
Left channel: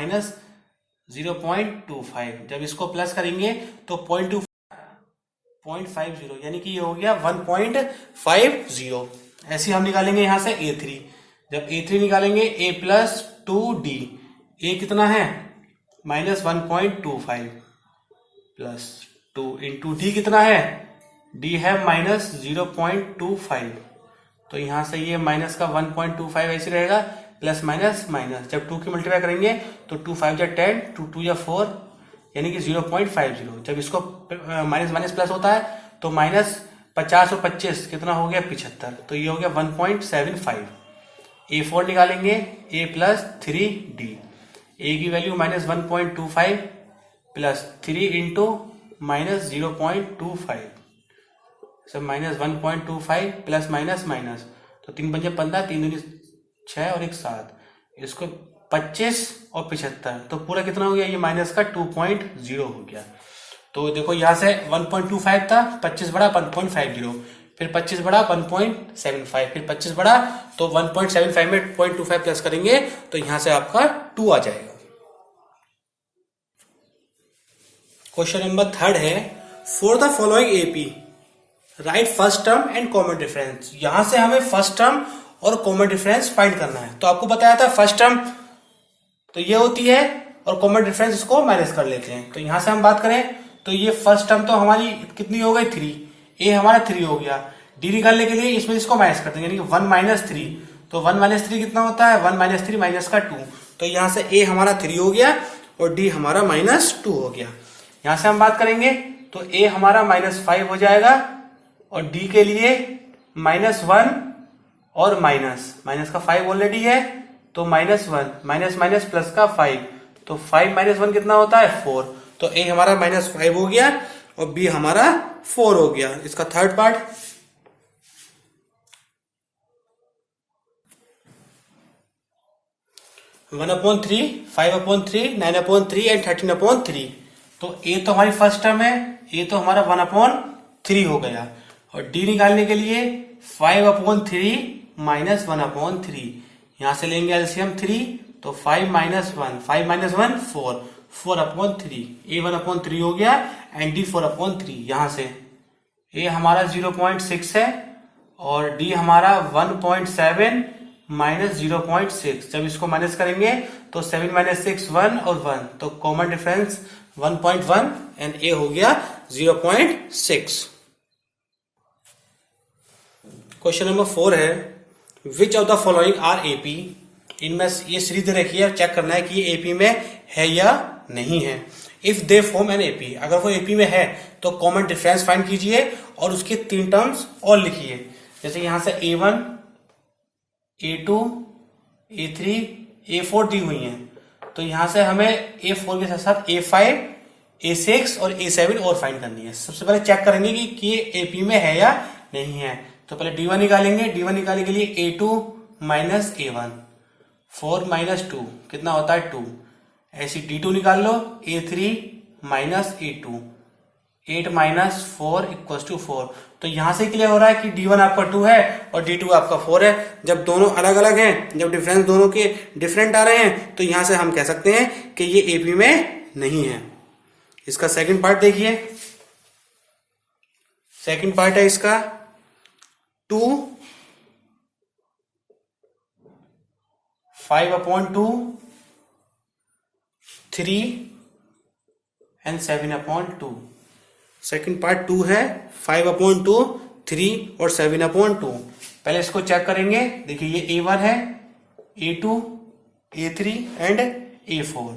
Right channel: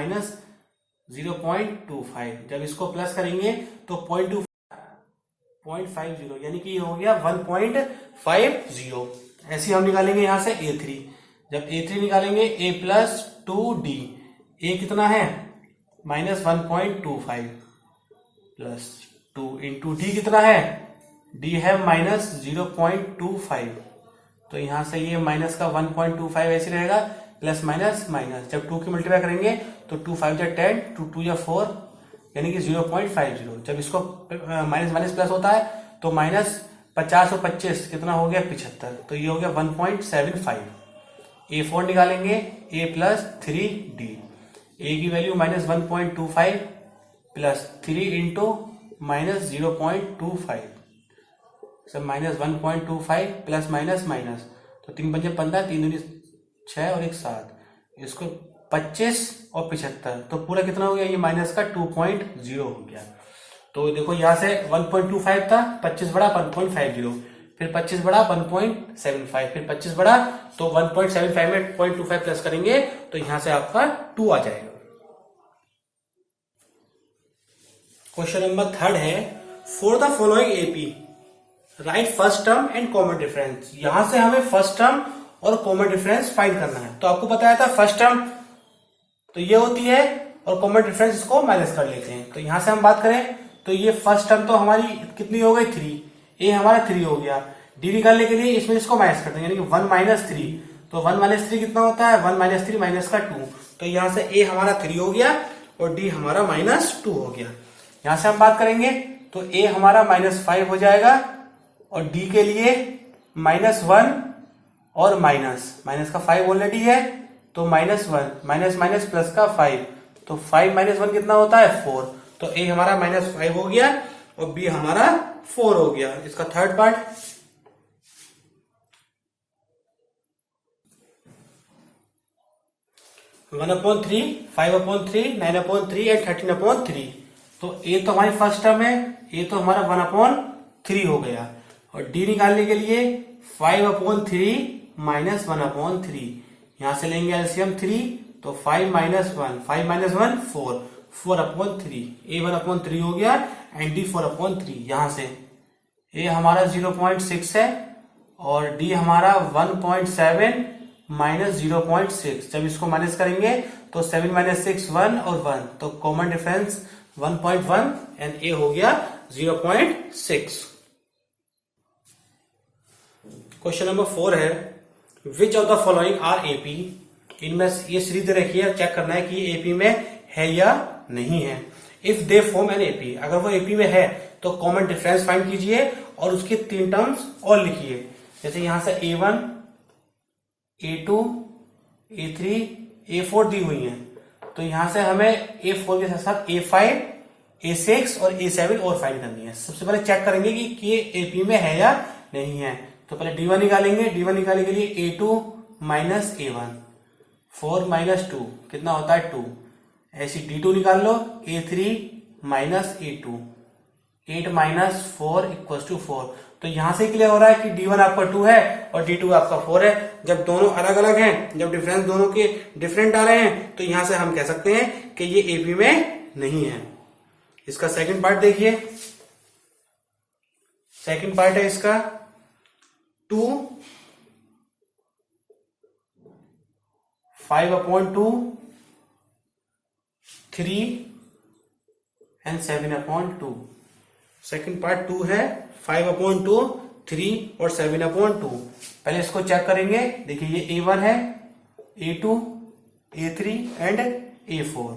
-0.25, जब इसको प्लस करेंगे तो 0.50, यानी कि ये हो गया 1.50। ऐसे हम निकालेंगे यहां से A3, जब A3 निकालेंगे A प्लस 2D, A कितना है -1.25 प्लस 2 इंटू D कितना है, D है -0.25, तो यहां से ये माइनस का 1.25 ऐसे रहेगा, प्लस माइनस माइनस, जब 2 की मल्टीप्लाई करेंगे तो 2 5 जा 10, 2 2 जा 4, यानी कि 0.50। जब इसको माइनस माइनस प्लस होता है तो -50 और 25 कितना हो गया 75, तो ये हो गया 1.75। A4 निकालेंगे, A प्लस 3D, A की वैल्यू -1.25 प्लस 3 इंटू -0.25, सब -1.25 प्लस माइनस माइनस, तो 3 पंजे 15, 3 दूनी 6 और 1 7, इसको 25 और 75, तो पूरा कितना हो गया, ये माइनस का 2.0 हो गया। तो देखो यहां से 1.25 था, 25 बड़ा 1.50, फिर 25 बड़ा 1.75, फिर 25 बड़ा तो 1.75 में 0.25 प्लस करेंगे तो यहां से आपका 2 आ जाएगा। क्वेश्चन नंबर 3 है, for the following AP right first term and common difference. यहां से हमें फर्स्ट टर्म और कॉमन डिफरेंस फाइंड करना है। तो आपको बताया था फर्स्ट टर्म तो ये होती है और कॉमन डिफरेंस इसको माइनस कर लेते हैं। तो यहां से हम बात करें तो ये फर्स्ट टर्म तो हमारी कितनी हो गई 3, ए हमारा 3 हो गया। डी निकालने के लिए इसमें इसको माइनस करते हैं, यानी कि 1 - 3, तो 1 - 3 कितना होता है 1 - 3 माइनस का 2, तो यहां से ए हमारा 3 हो गया और डी हमारा -2 हो गया। यहां से हम बात करेंगे तो ए हमारा -5 हो जाएगा और डी के लिए -1 और माइनस का 5 ऑलरेडी है तो -1 माइनस प्लस का 5 तो 5 - 1 कितना होता है 4। तो ए हमारा -5 हो गया और बी हमारा 4 हो गया। इसका थर्ड पार्ट 1/3, 5/3, 9/3 एंड 13/3। तो ए तो हमारी फर्स्ट टर्म है, ये तो हमारा 1/3 हो गया और डी निकालने के लिए 5/3 माइनस 1/3। यहां से लेंगे एलसीएम 3 तो 5 - 1 5 - 1 4 4/3। ए 1/3 हो गया एंड डी 4/3। यहां से ए हमारा 0.6 है और डी हमारा 1.7 माइनस 0.6। जब इसको माइनस करेंगे तो 7 - 6 1 और 1 तो कॉमन डिफरेंस 1.1 एंड ए हो गया 0.6। क्वेश्चन नंबर 4 है which of the following are AP. इनमें ये सीरीज दे रखी है, चेक करना है कि ये एपी में है या नहीं है। If they form an AP, अगर वो एपी में है तो कॉमन डिफरेंस फाइंड कीजिए और उसके 3 टर्म्स और लिखिए। जैसे यहां से A1, A2, A3, A4 दी हुई है तो यहां से हमें A4 के साथ साथ A5, A6 और A7 और फाइंड करनी है। सबसे पहले चेक करेंगे कि ये एपी में है या नहीं है। तो पहले D1 निकालेंगे। D1 निकालने के लिए A2 माइनस A1 4 - 2 कितना होता है 2। ऐसी D2 निकाल लो A3 माइनस A2 8 - 4 = 4। तो यहां से क्लियर हो रहा है कि D1 आपका 2 है और D2 आपका 4 है। जब दोनों अलग अलग हैं, जब डिफरेंस दोनों के डिफरेंट आ रहे हैं तो यहां से हम कह सकते हैं कि ये एपी में नहीं है। इसका सेकंड पार्ट देखिए। सेकंड पार्ट है इसका 2 5/2 3 एंड 7/2। सेकंड पार्ट 2 है 5/2 3 और 7/2। पहले इसको चेक करेंगे। देखिए ये A1 है, A2, A3 एंड A4।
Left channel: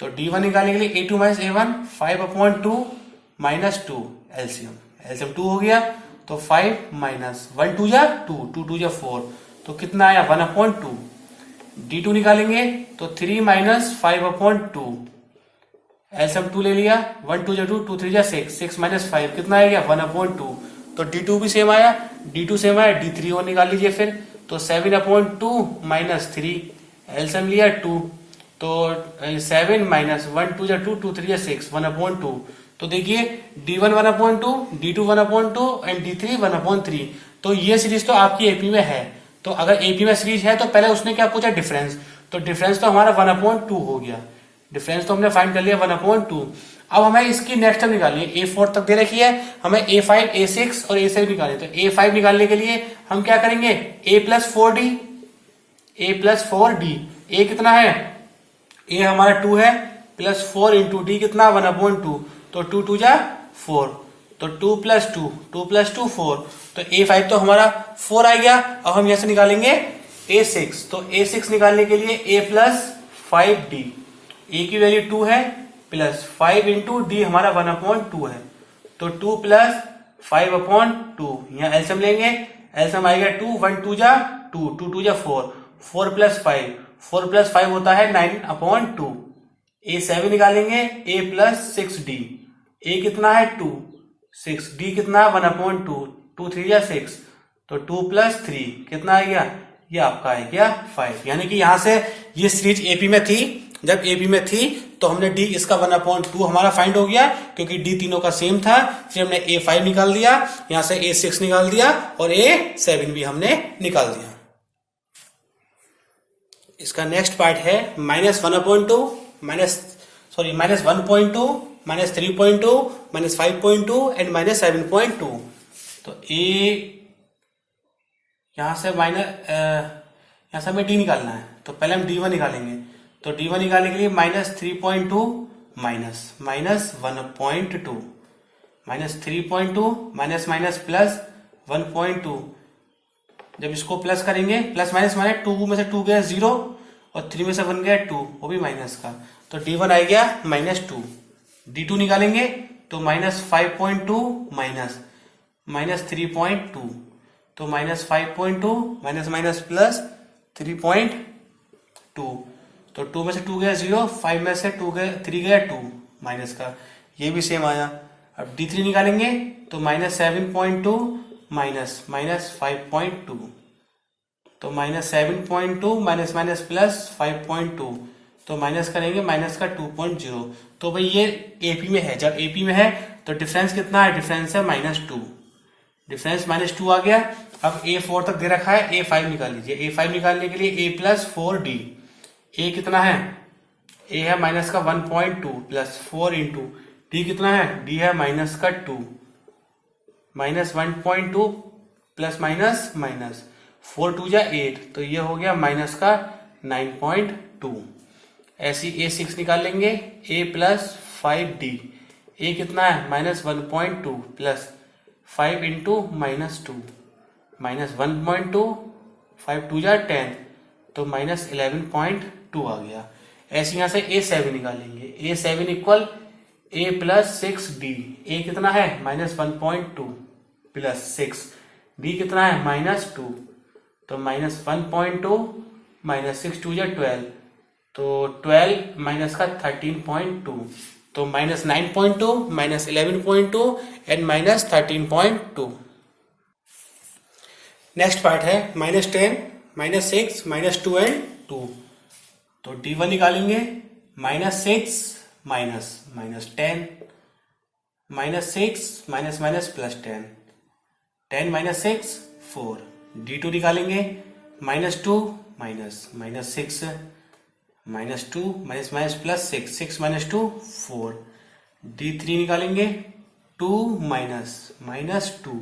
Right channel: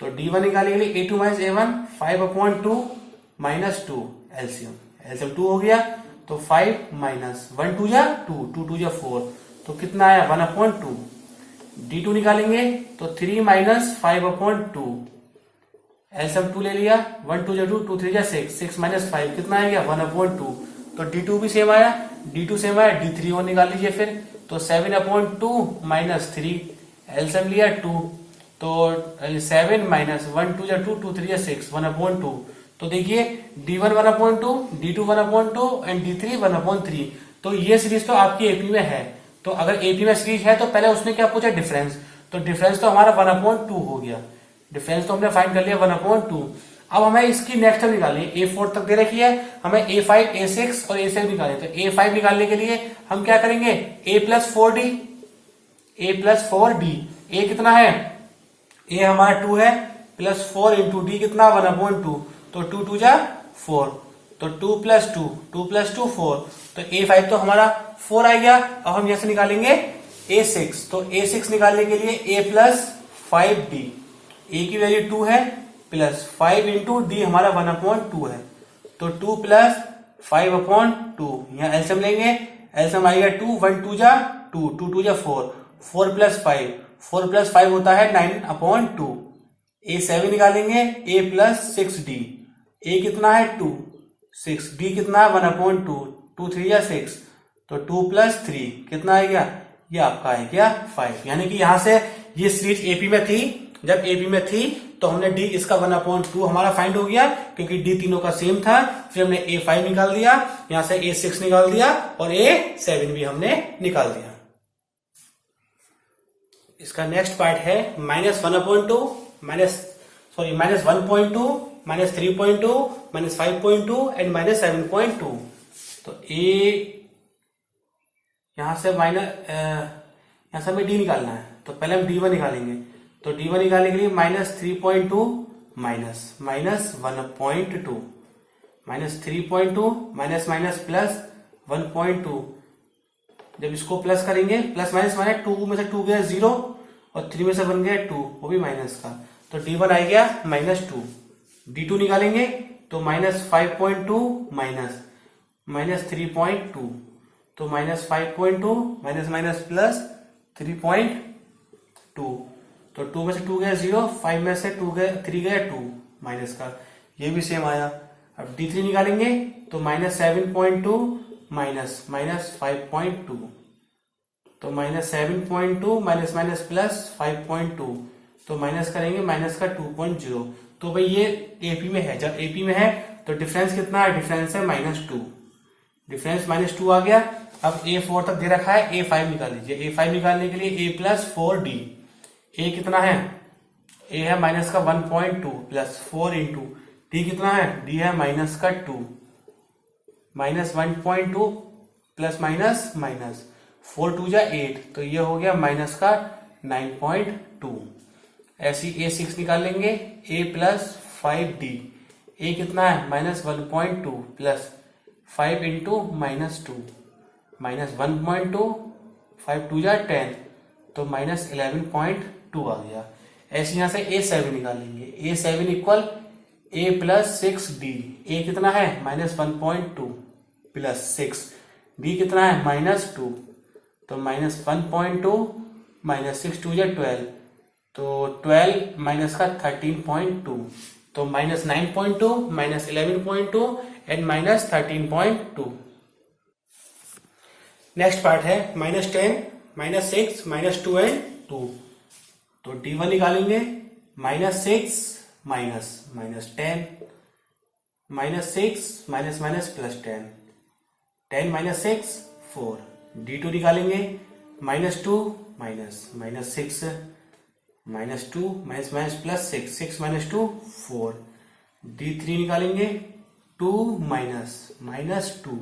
तो D1 निकालने के लिए A2 माइनस A1 5/2 - 2 एलसीएम 2 हो गया तो 5 - 1 2 जा 2 2 2 जा 4 तो कितना आया 1/2। D2 निकालेंगे तो 3 - 5/2 एलसीएम 2 ले लिया 1 2 जा 2 2 3 जा 6 6 - 5 कितना आ गया 1/2। तो D2 भी सेम आया, D2 सेम आया, D3 और निकाल लीजिए फिर। तो 7/2 - 3 एलसीएम लिया 2 तो 7 - 1 2 जा 2 2 3 जा 6 1/2। तो देखिए D1 1/2, D2 1/2 एंड D3 1/3। तो ये सीरीज तो आपकी एपी में है। तो अगर एपी में सीरीज है तो पहले उसने क्या पूछा डिफरेंस, तो डिफरेंस तो हमारा 1/2 हो गया। डिफरेंस तो हमने फाइंड कर लिया 1/2। अब हमें इसकी नेक्स्ट टर्म निकालिए। A4 तक दे रखी है, हमें A5, A6 और A7 निकालिए। तो A5 निकालने के लिए हम क्या करेंगे A + 4D। A कितना है, A हमारा 2 है प्लस 4 इंटू D कितना 1/2 तो 2 2 जा 4 तो 2 + 2 2 + 2 4 तो A5 तो हमारा 4 आ गया। अब हम यहां से निकालेंगे A6। तो A6 निकालने के लिए A + 5D। A की वैल्यू 2 है प्लस 5 इंटू D हमारा 1/2 है तो 2 + 5/2 यहां एलसीएम लेंगे। एलसीएम आएगा 2 1 2 जा 2 2 2 जा 4 4 + 5 4 + 5 होता है 9/2। A7 निकालेंगे A + 6D। A कितना है 2 6 D कितना है 1/2 2 3 जा 6 तो 2 + 3 कितना आ गया, ये आपका है क्या 5। यानी कि यहां से ये सीरीज एपी में थी। जब एपी में थी तो हमने D इसका 1/2 हमारा फाइंड हो गया क्योंकि D तीनों का सेम था। फिर हमने A5 निकाल दिया, यहां से A6 निकाल दिया और A7 भी हमने निकाल दिया। इसका नेक्स्ट पार्ट है -1/2 -1.2 -3.2 -5.2 एंड -7.2। तो यहां से हमें D निकालना है। तो पहले हम D1 निकालेंगे। तो D1 निकालने के लिए -3.2 -1.2 -3.2 माइनस प्लस 1.2। जब इसको प्लस करेंगे प्लस माइनस माने 2 में से 2 गया 0 और 3 में से 1 गया 2 वो भी माइनस का तो D1 आ गया -2। D2 निकालेंगे तो -5.2 माइनस 3.2, तो -5.2 माइनस माइनस प्लस 3.2, तो 2 में से 2 गया 0, 5 में से 3 गया 2 माइनस का, ये भी सेम आया। अब D3 निकालेंगे तो -7.2 माइनस 5.2, तो -7.2 माइनस माइनस प्लस 5.2, तो माइनस करेंगे माइनस का 2.0। तो भाई ये एपी में है, जब एपी में है तो डिफरेंस कितना है, डिफरेंस है -2, डिफरेंस -2 आ गया। अब A4 तक दे रखा है, A5 निकाल लीजिए। A5 निकालने के लिए A प्लस 4D, A कितना है, A है माइनस का 1.2 प्लस 4 इंटू D कितना है, D है माइनस का 2, माइनस 1.2 प्लस माइनस माइनस 4 2 जा 8, तो ये हो गया माइनस का 9.2। ऐसी A6 निकाल लेंगे, A प्लस 5D, A कितना है माइनस 1.2 प्लस 5 इंटू -2, माइनस 1.2, 5 2 जा 10, तो माइनस 11.2 आ गया। ऐसे यहां से A7 निकालेंगे, A7 equal A plus 6D, A कितना है -1.2 प्लस 6, D कितना है -2, तो -1.2 माइनस 6 2 जा 12, तो 12 माइनस का 13.2, तो -9.2 minus 11.2 and minus 13.2। Next part है -10 -6 -2 एंड 2, तो D1 निकालेंगे -6 minus -10 -6 minus minus plus 10, 10 minus 6 4, D2 निकालेंगे -2 minus -6 -2 minus minus plus 6, 6 minus 2 4, D3 निकालेंगे 2 माइनस -2,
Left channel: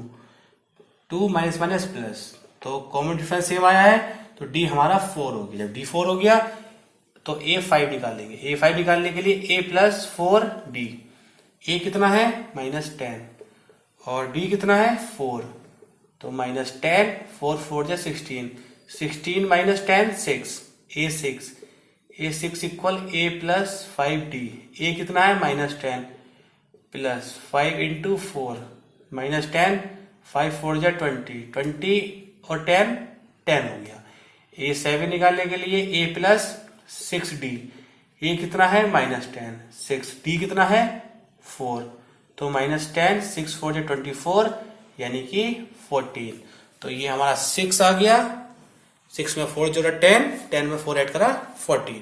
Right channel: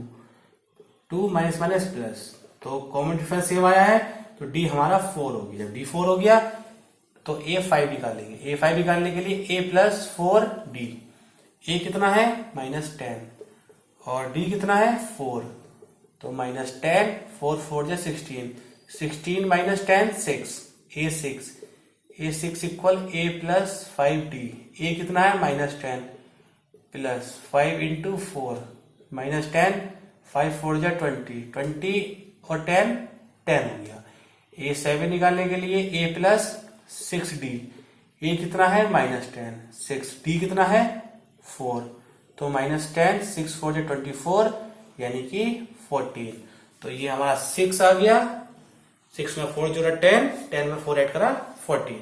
2 माइनस माइनस प्लस, तो कॉमन डिफरेंस सेम आया है, तो D हमारा 4 हो गया। जब D 4 हो गया तो A5 निकालेंगे। A5 निकालने के लिए A प्लस 4D, A कितना है -10 और D कितना है 4, तो -10, 4 4 जा 16, 16 minus 10 6, A6, A6 equal A plus 5D, A कितना है -10 प्लस 5 इंटू 4 -10, 5 4 जा 20, 20 और 10 10 हो गया। A7 निकालने के लिए A प्लस 6D, A कितना है -10, 6D कितना है 4, तो -10, 6 4 जा 24 यानी कि 14, तो ये हमारा 6 आ गया। 6 में 4 जोड़ा 10, 10 में 4 ऐड करा 14।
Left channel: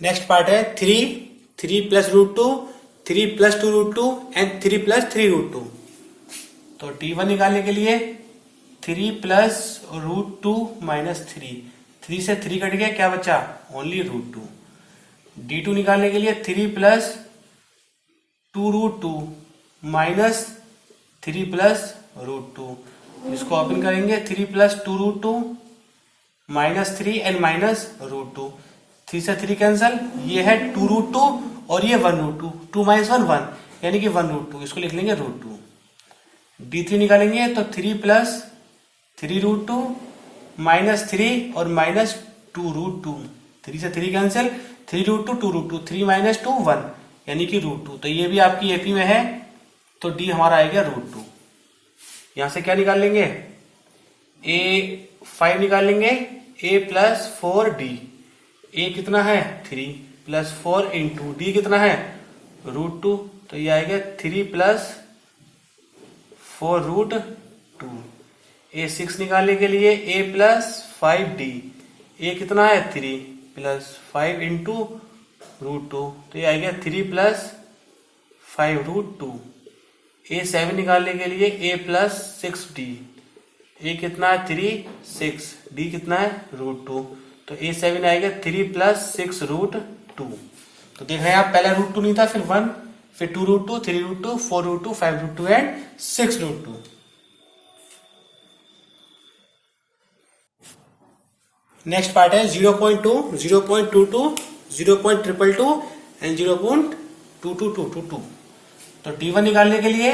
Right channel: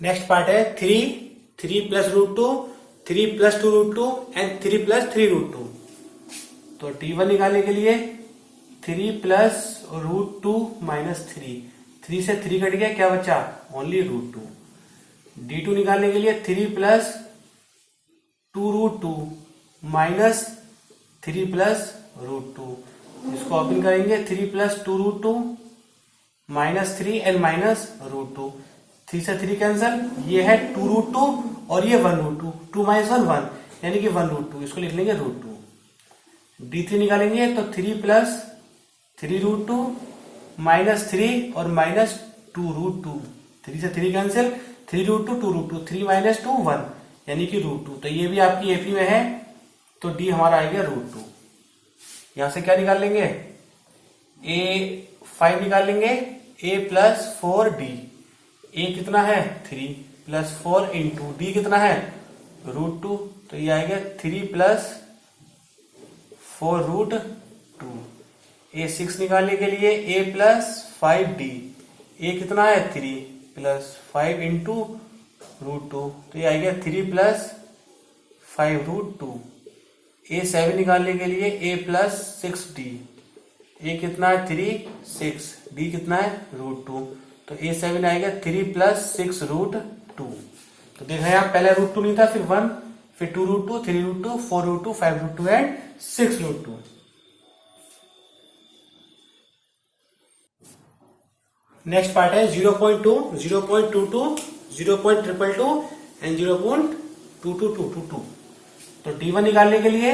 नेक्स्ट पार्ट है 3 प्लस √2, 3 प्लस 2 √2 एंड 3 प्लस 3 √2। तो D1 निकालने के लिए 3 प्लस √2 माइनस 3 से 3 कट गया, क्या बचा ओनली √2। D2 निकालने के लिए 3 प्लस 2 √2 माइनस 3 प्लस √2, इसको ओपन करेंगे 3 प्लस 2 √2 माइनस 3 एंड माइनस √2, 3 से 3 कैंसल, ये है 2 √2 और ये 1 √2, 2 माइनस 1 1 यानी कि 1 √2, इसको लिख लेंगे √2। D3 निकालेंगे तो 3 प्लस 3 √2 माइनस 3 और माइनस 2 √2, 3 से 3 कैंसिल, 3 √2 2 √2, 3 माइनस 2 1 यानी कि √2, तो ये भी आपकी एपी में है, तो D हमारा आएगा √2। यहां से क्या निकाल लेंगे, A5 निकाल लेंगे, A प्लस 4D, A कितना है 3 प्लस 4 इंटू D कितना है √2, तो ये आएगा 3 प्लस 4 √2। A6 निकालने के लिए A प्लस 5D, A कितना है 3 प्लस 5 इंटू √2, तो ये आएगा 3 प्लस 5 √2। A7 निकालने के लिए A प्लस 6D, A कितना है 3 6, D कितना है √2, तो A7 आएगा 3 प्लस 6 √2। तो देख रहे हैं आप, पहले √2 नहीं था, फिर 1, फिर 2 √2, 3 √2, 4 √2, 5 √2 एंड 6 √2। नेक्स्ट पार्ट है 0.2, 0.22, 0.222 एंड 0.22222। तो D1 निकालने के लिए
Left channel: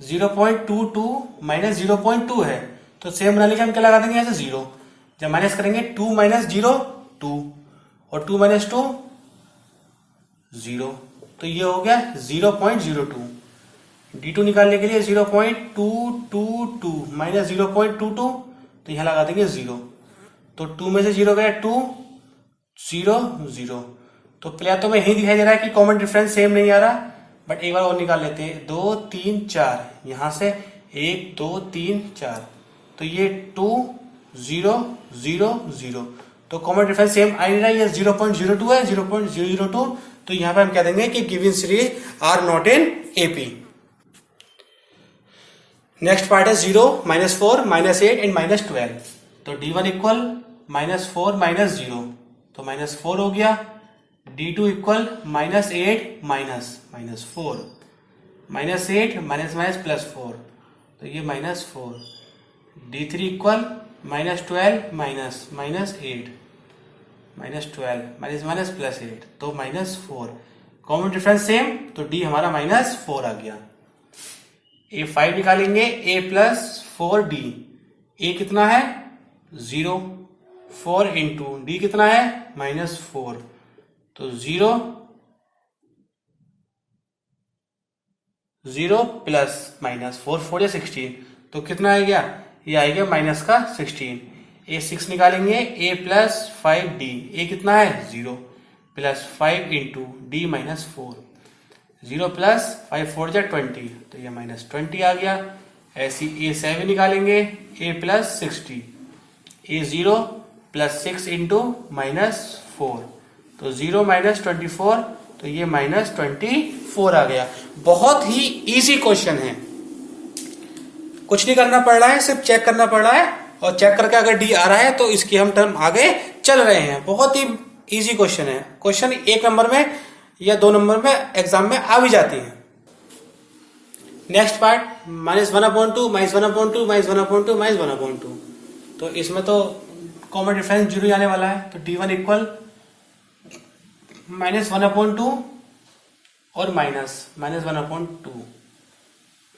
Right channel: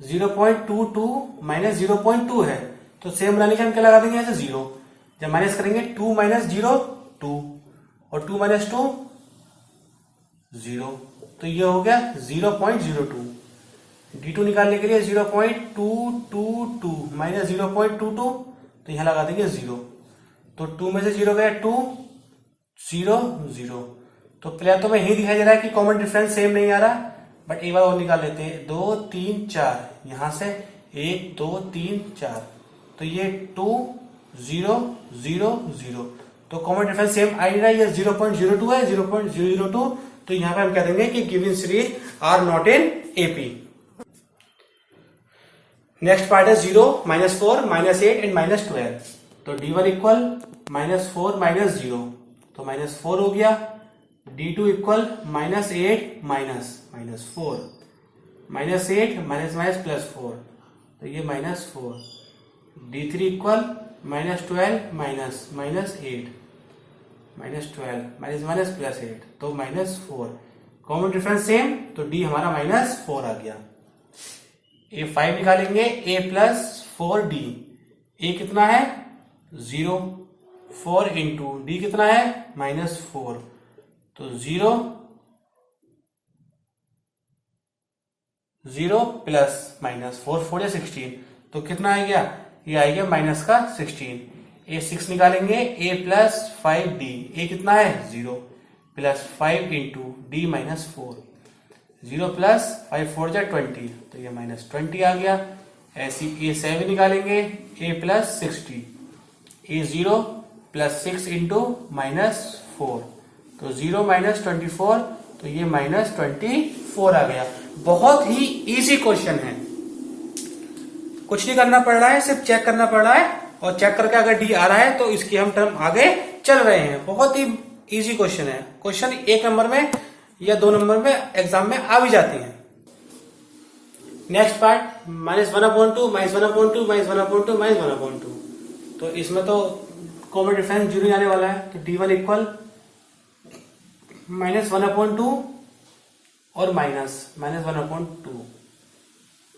0.22 माइनस 0.2 है, तो सेम रहने के हम क्या लगा देंगे, ऐसे 0 जब माइनस करेंगे 2 माइनस 0 2 और 2 माइनस 2 0, तो ये हो गया 0.02। D2 निकालने के लिए 0.222 माइनस 0.22, तो यहां लगा देंगे 0, तो 2 में से 0 गया 2 0 0। तो पहले तो में यही दिखाई दे रहा है कि कॉमन डिफरेंस सेम नहीं आ रहा, बट एक बार और निकाल लेते हैं। 2 3 4, यहां से 1 2 3 4, तो ये 2 0 0 0, तो कॉमन डिफरेंस सेम आ नहीं रहा, ये 0.02 है 0.002। तो यहां पे हम कह देंगे कि given series are not in AP. Next part है 0 -4 -8 एंड -12। तो D1 इक्वल -4 -0, तो -4 हो गया। D2 इक्वल -8 -4 -8 +4, तो ये -4। D3 इक्वल -12 -8 -12 +8, तो -4। कॉमन डिफरेंस सेम, तो D हमारा -4 आ गया। A5 निकालेंगे, A + 4D। A कितना है 0, 4 इंटू D कितना है -4, तो 0 0 प्लस माइनस 4 4 या 16, तो कितना आ गया, ये आएगा -16। A6 निकालेंगे, A + 5D। A कितना है 0 प्लस 5 इंटू D -4, 0 प्लस 5 4 जा 20, तो ये -20 आ गया। ऐसी A7 निकालेंगे, A + 60। A0 + 6 इंटू -4, तो 0 -24, तो ये -24 आ गया। बहुत ही इजी क्वेश्चन है, कुछ नहीं करना पड़ रहा है, सिर्फ चेक करना पड़ रहा है, और चेक करके अगर D आ रहा है तो इसके हम टर्म आगे चल रहे हैं। बहुत ही इजी क्वेश्चन है। क्वेश्चन 1 नंबर में या 2 नंबर में एग्जाम में आ भी जाते हैं। Next part -1/2 -1/2 -1/2 -1/2। तो इसमें तो कॉमन डिफरेंस 0 आने वाला है, तो D1 इक्वल -1/2 और -1/2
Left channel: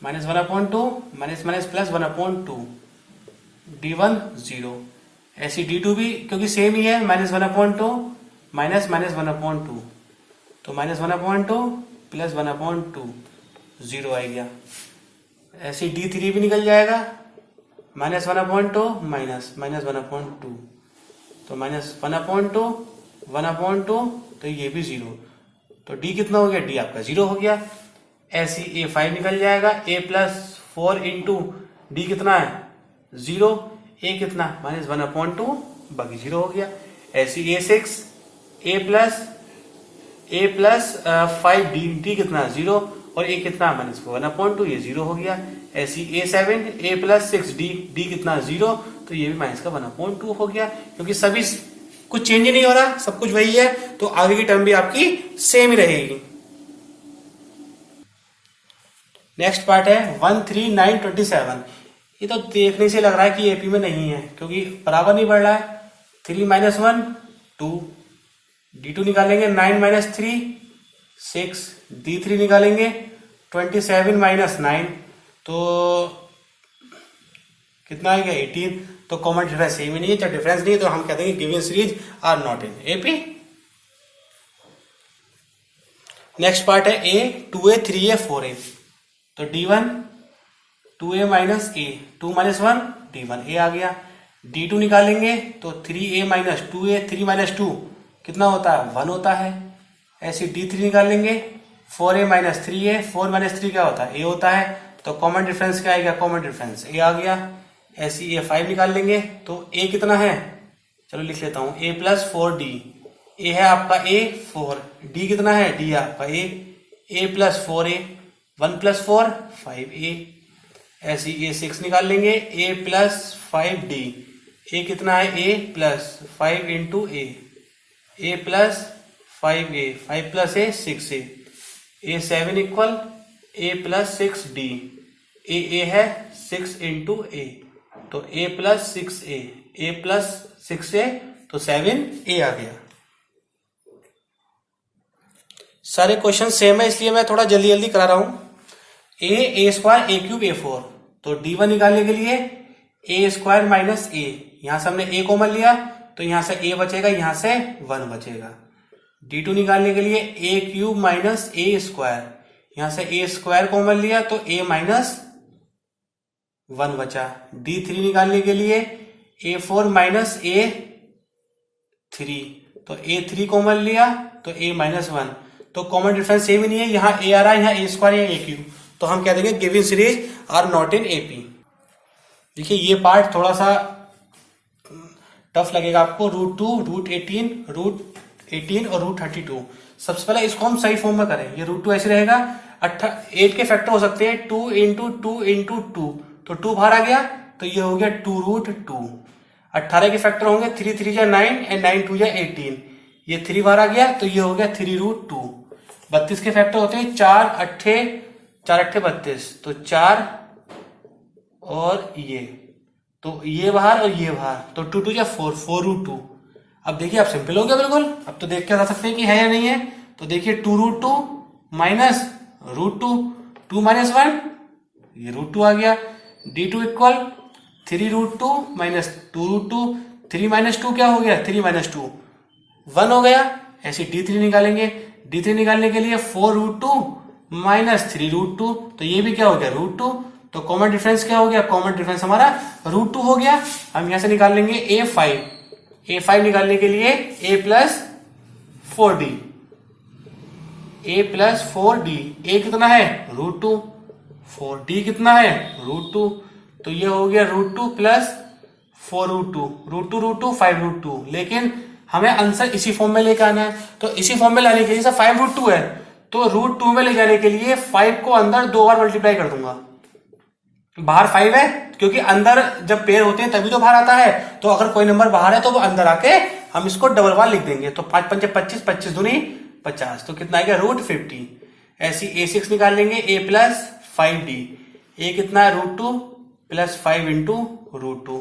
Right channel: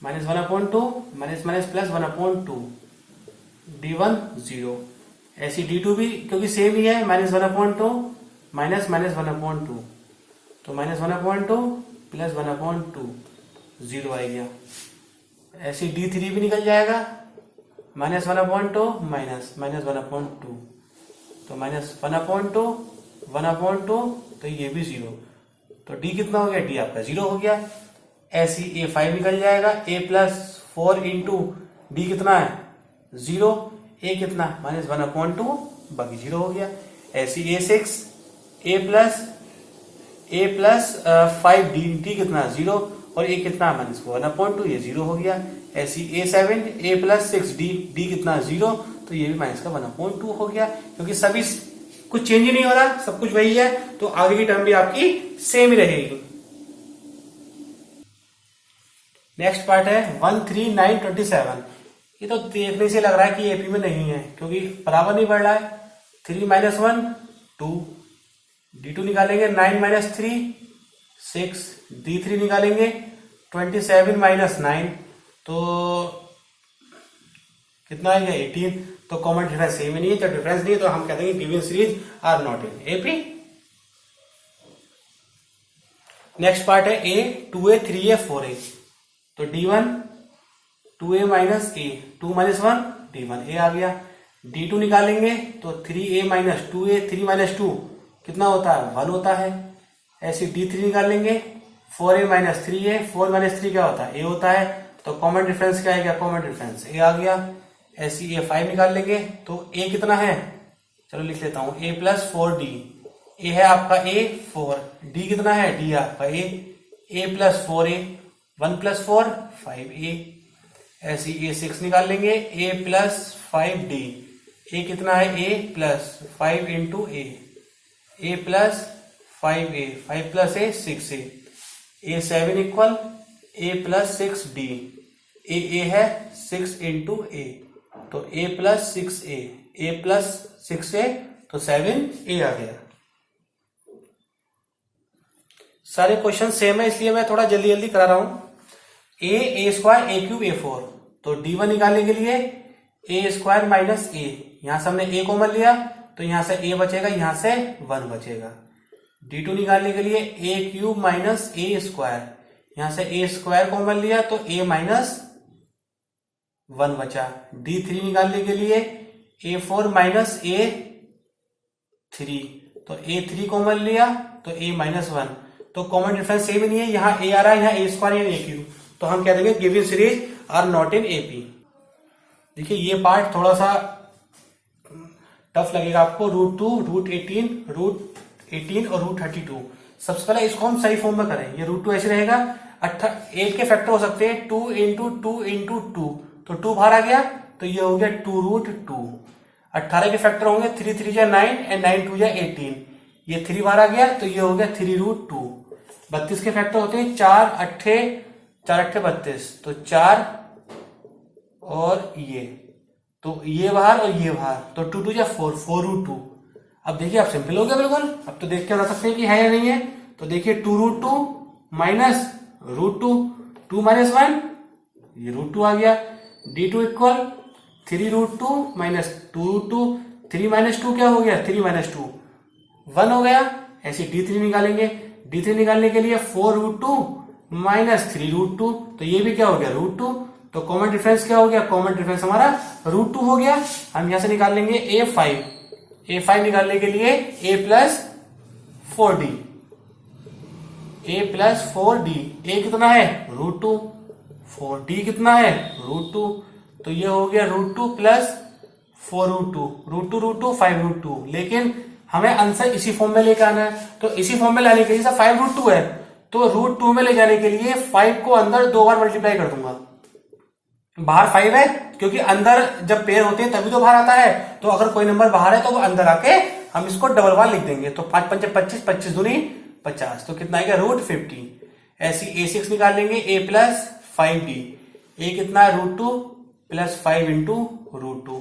+1/2 D1 0। ऐसी D2 भी क्योंकि सेम ही है, -1/2 -1/2, तो -1/2 +1/2 0 आ गया। ऐसी D3 भी निकल जाएगा, -1/2 -1/2, तो -1/2 1/2, तो ये भी 0, तो D कितना हो गया, D आपका 0 हो गया। ऐसी A5 निकल जाएगा, A + 4 इंटू D कितना है 0, A कितना -1/2, बाकी 0 हो गया। ऐसी A6 A + 5D, D कितना 0, और A कितना -1/2, ये 0 हो गया। ऐसी A7 A + 6D, D कितना 0, तो ये भी -1/2 हो गया। क्योंकि सभी कुछ चेंज ही नहीं हो रहा, सब कुछ वही है, तो आगे की टर्म भी आपकी सेम ही रहेगी। नेक्स्ट पार्ट है 1 3 9 27। ये तो देखने से लग रहा है कि एपी में नहीं है, क्योंकि बराबर नहीं बढ़ रहा है। 3 - 1 2, D2 निकालेंगे, 9 - 3 6, D3 निकालेंगे 27 - 9, तो कितना आ गया 18। तो कॉमन डिफरेंस सेम ही नहीं है, तो डिफरेंस नहीं है, तो हम कहते हैं given series are not in AP. Next part है A 2A 3A 4A। तो D1 2A - A, 2 - 1 D1 A आ गया। D2 निकालेंगे, तो 3A - 2A, 3 - 2 कितना होता है 1 होता है। ऐसे D3 निकालेंगे, 4A - 3A, 4 - 3 क्या होता है A होता है, तो कॉमन डिफरेंस क्या आएगा, कॉमन डिफरेंस A आ गया। ऐसी A5 निकाल लेंगे, तो A कितना है, चलो लिख लेता हूं, A + 4D। A है आपका A 4, D कितना है D आपका A + 4A, 1 + 4 5A। ऐसी A6 निकाल लेंगे, A + 5D। A कितना है A + 5 into A + 5A, 5 + A 6A। A7 equal A + 6D। A है 6 इंटू A, तो A + 6A, A + 6A, तो 7A आ गया। सारे क्वेश्चन सेम है, इसलिए मैं थोड़ा जल्दी जल्दी करा रहा हूं। A² A³ A4। तो D1 निकालने के लिए ए स्क्वायर माइनस ए, यहां से हमने ए कॉमन लिया तो यहां से ए बचेगा, यहां से 1 बचेगा। D2 निकालने के लिए ए क्यूब माइनस ए स्क्वायर, यहां से ए स्क्वायर कॉमन लिया तो ए माइनस 1 बचा। D3 निकालने के लिए A4 माइनस A3, तो A3 कॉमन लिया तो A माइनस 1, तो कॉमन डिफरेंस सेम ही नहीं है, यहाँ A आ रहा है, यहाँ ए स्क्वायर, यहाँ ए क्यूब, तो हम कह देंगे given series are not in AP. देखिए ये पार्ट थोड़ा सा टफ लगेगा आपको, √2, √18 और √32। सबसे पहले इसको हम सही फॉर्म में करें, ये √2 ऐसे रहेगा, 8 के फैक्टर हो सकते हैं 2 इंटू 2 इंटू 2, तो 2 बाहर आ गया तो ये हो गया 2√2। 18 के फैक्टर होंगे 3 3 जा 9 एंड 9 2 जा 18, ये 3 बाहर आ गया तो ये हो गया 3√2। 32 के फैक्टर होते हैं 4 8 32, तो 4 और ये, तो ये बाहर और ये बाहर, तो 2 2 जा 4, 4√2। अब देखिए आप सिंपल हो गया बिल्कुल, अब तो देख के बता सकते हैं कि है या नहीं है। तो देखिए 2√2 माइनस √2, 2 माइनस 1, ये √2 आ गया। D2 इक्वल 3√2 माइनस 2√2, 3 माइनस 2 क्या हो गया, 3 माइनस 2 1 हो गया। ऐसे D3 निकालेंगे, D3 निकालने के लिए 4√2 माइनस 3√2, तो ये भी क्या हो गया, √2, तो कॉमन डिफरेंस क्या हो गया, कॉमन डिफरेंस हमारा √2 हो गया। हम यहां से निकाल लेंगे A5 निकालने के लिए A प्लस 4D, A कितना है, √2, 4D कितना है, √2, तो ये हो गया √2 प्लस 4√2, √2 5√2। लेकिन हमें आंसर इसी फॉर्म में लेके आना है, तो इसी फॉर्म में लाने के लिए 5√2 है, तो √2 में ले जाने के लिए 5 को अंदर 2 बार मल्टीप्लाई कर दूंगा। बाहर 5 है, क्योंकि अंदर जब पेयर होते हैं तभी तो बाहर आता है, तो अगर कोई नंबर बाहर है तो वो अंदर आके हम इसको डबल बार लिख देंगे, तो 5 5 25, 25 दूनी 50, तो कितना आएगा √50। ऐसी A6 निकाल लेंगे, A प्लस 5D, A कितना है, √2 प्लस 5 इंटू √2,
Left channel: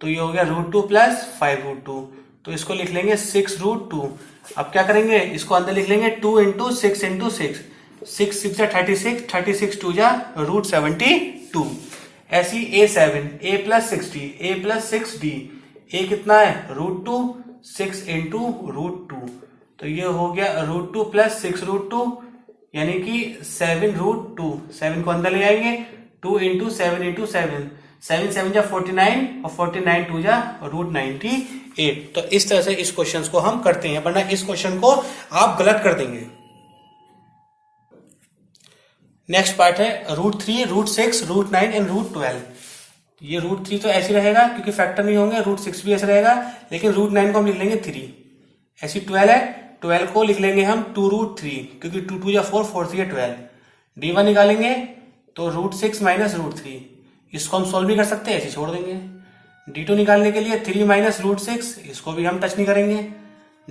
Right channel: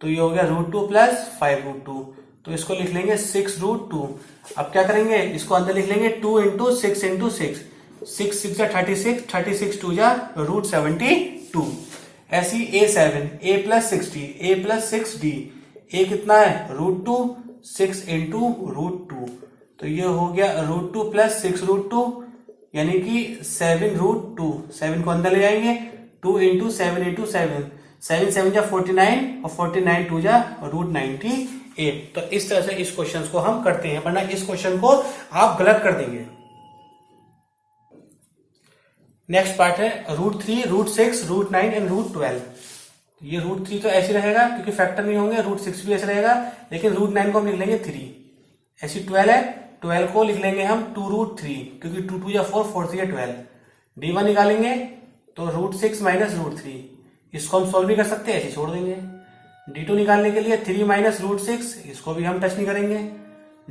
तो ये हो गया √2 प्लस 5√2, तो इसको लिख लेंगे 6√2। अब क्या करेंगे, इसको अंदर लिख लेंगे 2 इंटू 6 इंटू 6, 6 6 जा 36, 36 2 जा √72। ऐसी A7, A plus 60, A plus 6D, A कितना है, √2 6 इंटू √2, तो ये हो गया √2 प्लस 6√2, यानी कि 7√2। 7 को अंदर ले आएंगे, 2 इंटू 7 इंटू 7, 7 7 जा 49 और 49 2 जा √98। तो इस तरह से इस क्वेश्चन को हम करते हैं, वरना इस क्वेश्चन को आप गलत कर देंगे। नेक्स्ट पार्ट है √3, √6, √9 एंड √12। ये √3 तो ऐसे रहेगा क्योंकि फैक्टर नहीं होंगे, √6 भी ऐसे रहेगा, लेकिन √9 को हम लिख लेंगे 3। ऐसी 12 है, 12 को लिख लेंगे हम 2√3, क्योंकि 2 2 या 4, 4 3 या 12। D1 निकालेंगे तो √6 माइनस √3, इसको हम सोल्व भी कर सकते हैं, ऐसे छोड़ देंगे। D2 निकालने के लिए 3 माइनस √6, इसको भी हम टच नहीं करेंगे।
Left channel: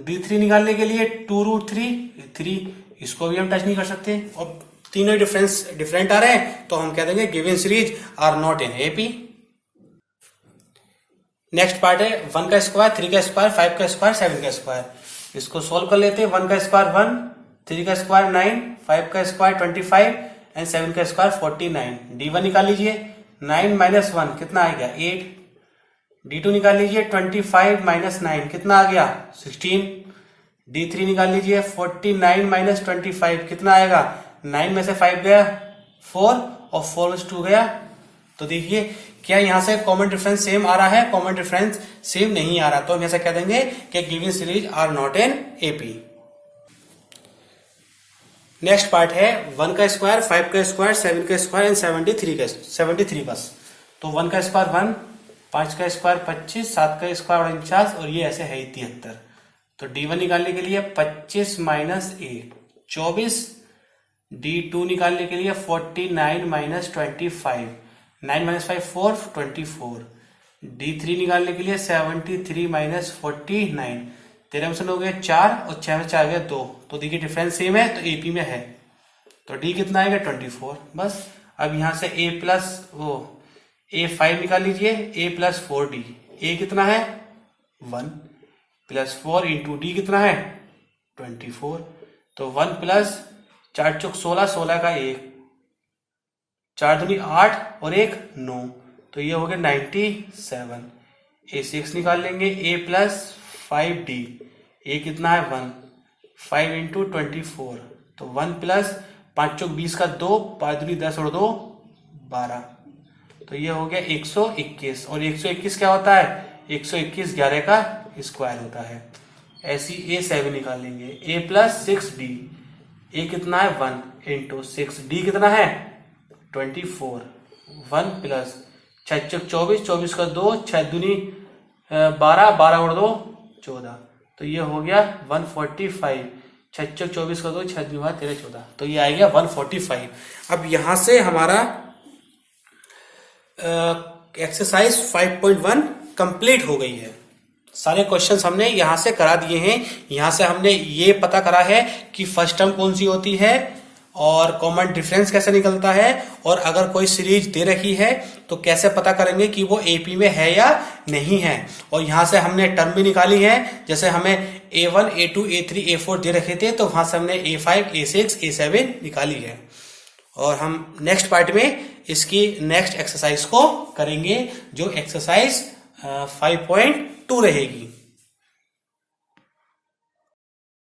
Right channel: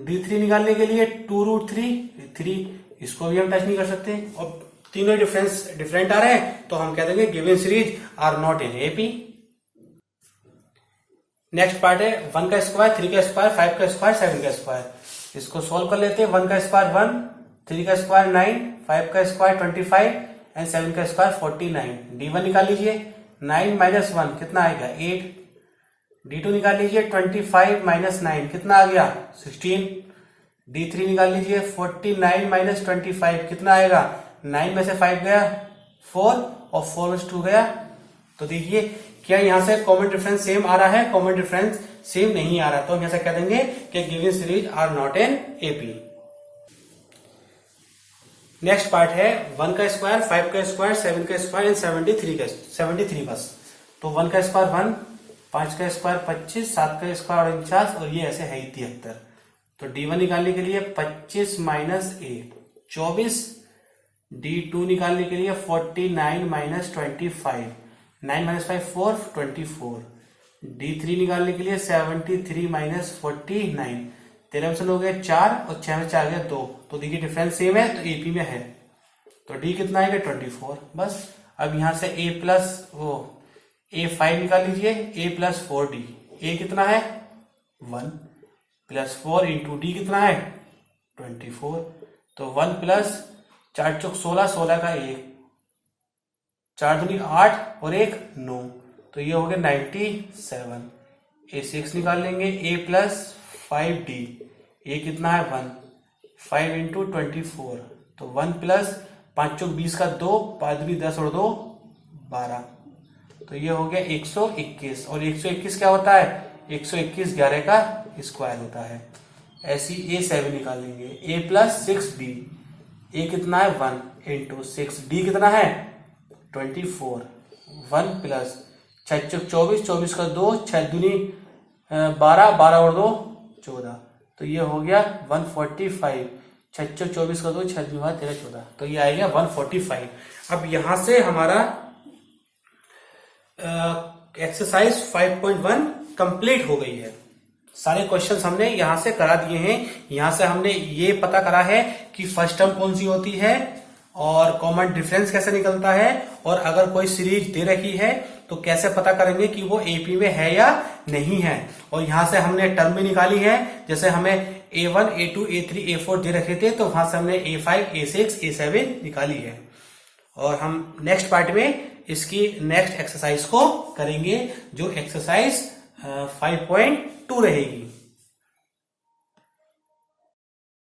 D3 निकालने के लिए 2√3, 3, इसको भी हम टच नहीं कर सकते, और तीनों डिफरेंट आ रहे हैं, तो हम कह देंगे given series are not in AP. Next part है 1 का स्क्वायर, 3 का स्क्वायर, 5 का स्क्वायर, 7 का स्क्वायर। इसको सोल्व कर लेते हैं। 1 का स्क्वायर 1, 3 का स्क्वायर 9, 5 का स्क्वायर 25 एंड 7 का स्क्वायर 49। D1 निकाल लीजिए, 9 माइनस 1 कितना आएगा, 8। D2 निकाल लीजिए, 25 माइनस 9 कितना आ गया, 16। D3 निकाल लीजिए, 49 माइनस 25 कितना आएगा, 9 में से 5 गया 4 और 4 में से 2 गया। तो देखिए क्या यहां से कॉमन डिफरेंस सेम आ रहा है, कॉमन डिफरेंस सेम नहीं आ रहा, तो हम ऐसा कह देंगे कि given series are not in AP. Next part है 1 का स्क्वायर, 5 का स्क्वायर, 7 का स्क्वायर एंड 73 का। तो 1 का स्क्वायर 1, 5 का स्क्वायर 25, 7 का स्क्वायर 49 और ये ऐसे है 73। तो D1 निकालने के लिए 25 माइनस 8 24, D2 निकालने के लिए 49 माइनस 25, 9 माइनस 5 4, 24। D3 निकालने के लिए 73 माइनस 49, 13 में से हो गया 4 और 6 में 4 गया 2, तो देखिए डिफरेंस सेम है, तो एपी में है। तो D कितना आएगा, 24 बस। अब यहां से A प्लस A5 निकाल लीजिए, A प्लस 4D, A कितना है 1 प्लस 4 इंटू D कितना है 24, तो 1 प्लस 4 चौक 16, 16 का 1, 4 दूनी 8 और 1 9, तो ये हो गया 97। A6 निकाल लेंगे, A प्लस 5D, A कितना है 1, 5 इंटू 24, तो 1 प्लस 5 चौक 20 का 2, 5 दूनी 10 और 2 12, तो ये हो गया 121। और 121 क्या होता है? 121 11 का स्क्वायर होता है। ऐसी A7 निकाल लेंगे, A प्लस 6D, A कितना है 1 इंटू 6, D कितना है 24, 1 प्लस 6 चौक 24, 24 का 2, 6 दूनी 12, 12 और 2 14, तो ये हो गया 145। 6 चौक 24 का 2, 6 दूनी 12, 13 14, तो ये आ गया 145। अब यहां से हमारा एक्सरसाइज 5.1 कंप्लीट हो गई है। सारे क्वेश्चंस हमने यहां से करा दिए हैं। यहां से हमने ये पता करा है कि फर्स्ट टर्म कौन सी होती है और कॉमन डिफरेंस कैसे निकलता है, और अगर कोई सीरीज दे रखी है तो कैसे पता करेंगे कि वो एपी में है या नहीं है। और यहां से हमने टर्म भी निकाली है, जैसे हमें A1, A2, A3, A4 दे रखे थे तो वहां से हमने A5, A6, A7 निकाली है। और हम नेक्स्ट पार्ट में इसकी नेक्स्ट एक्सरसाइज को करेंगे, जो एक्सरसाइज 5.2 रहेगी।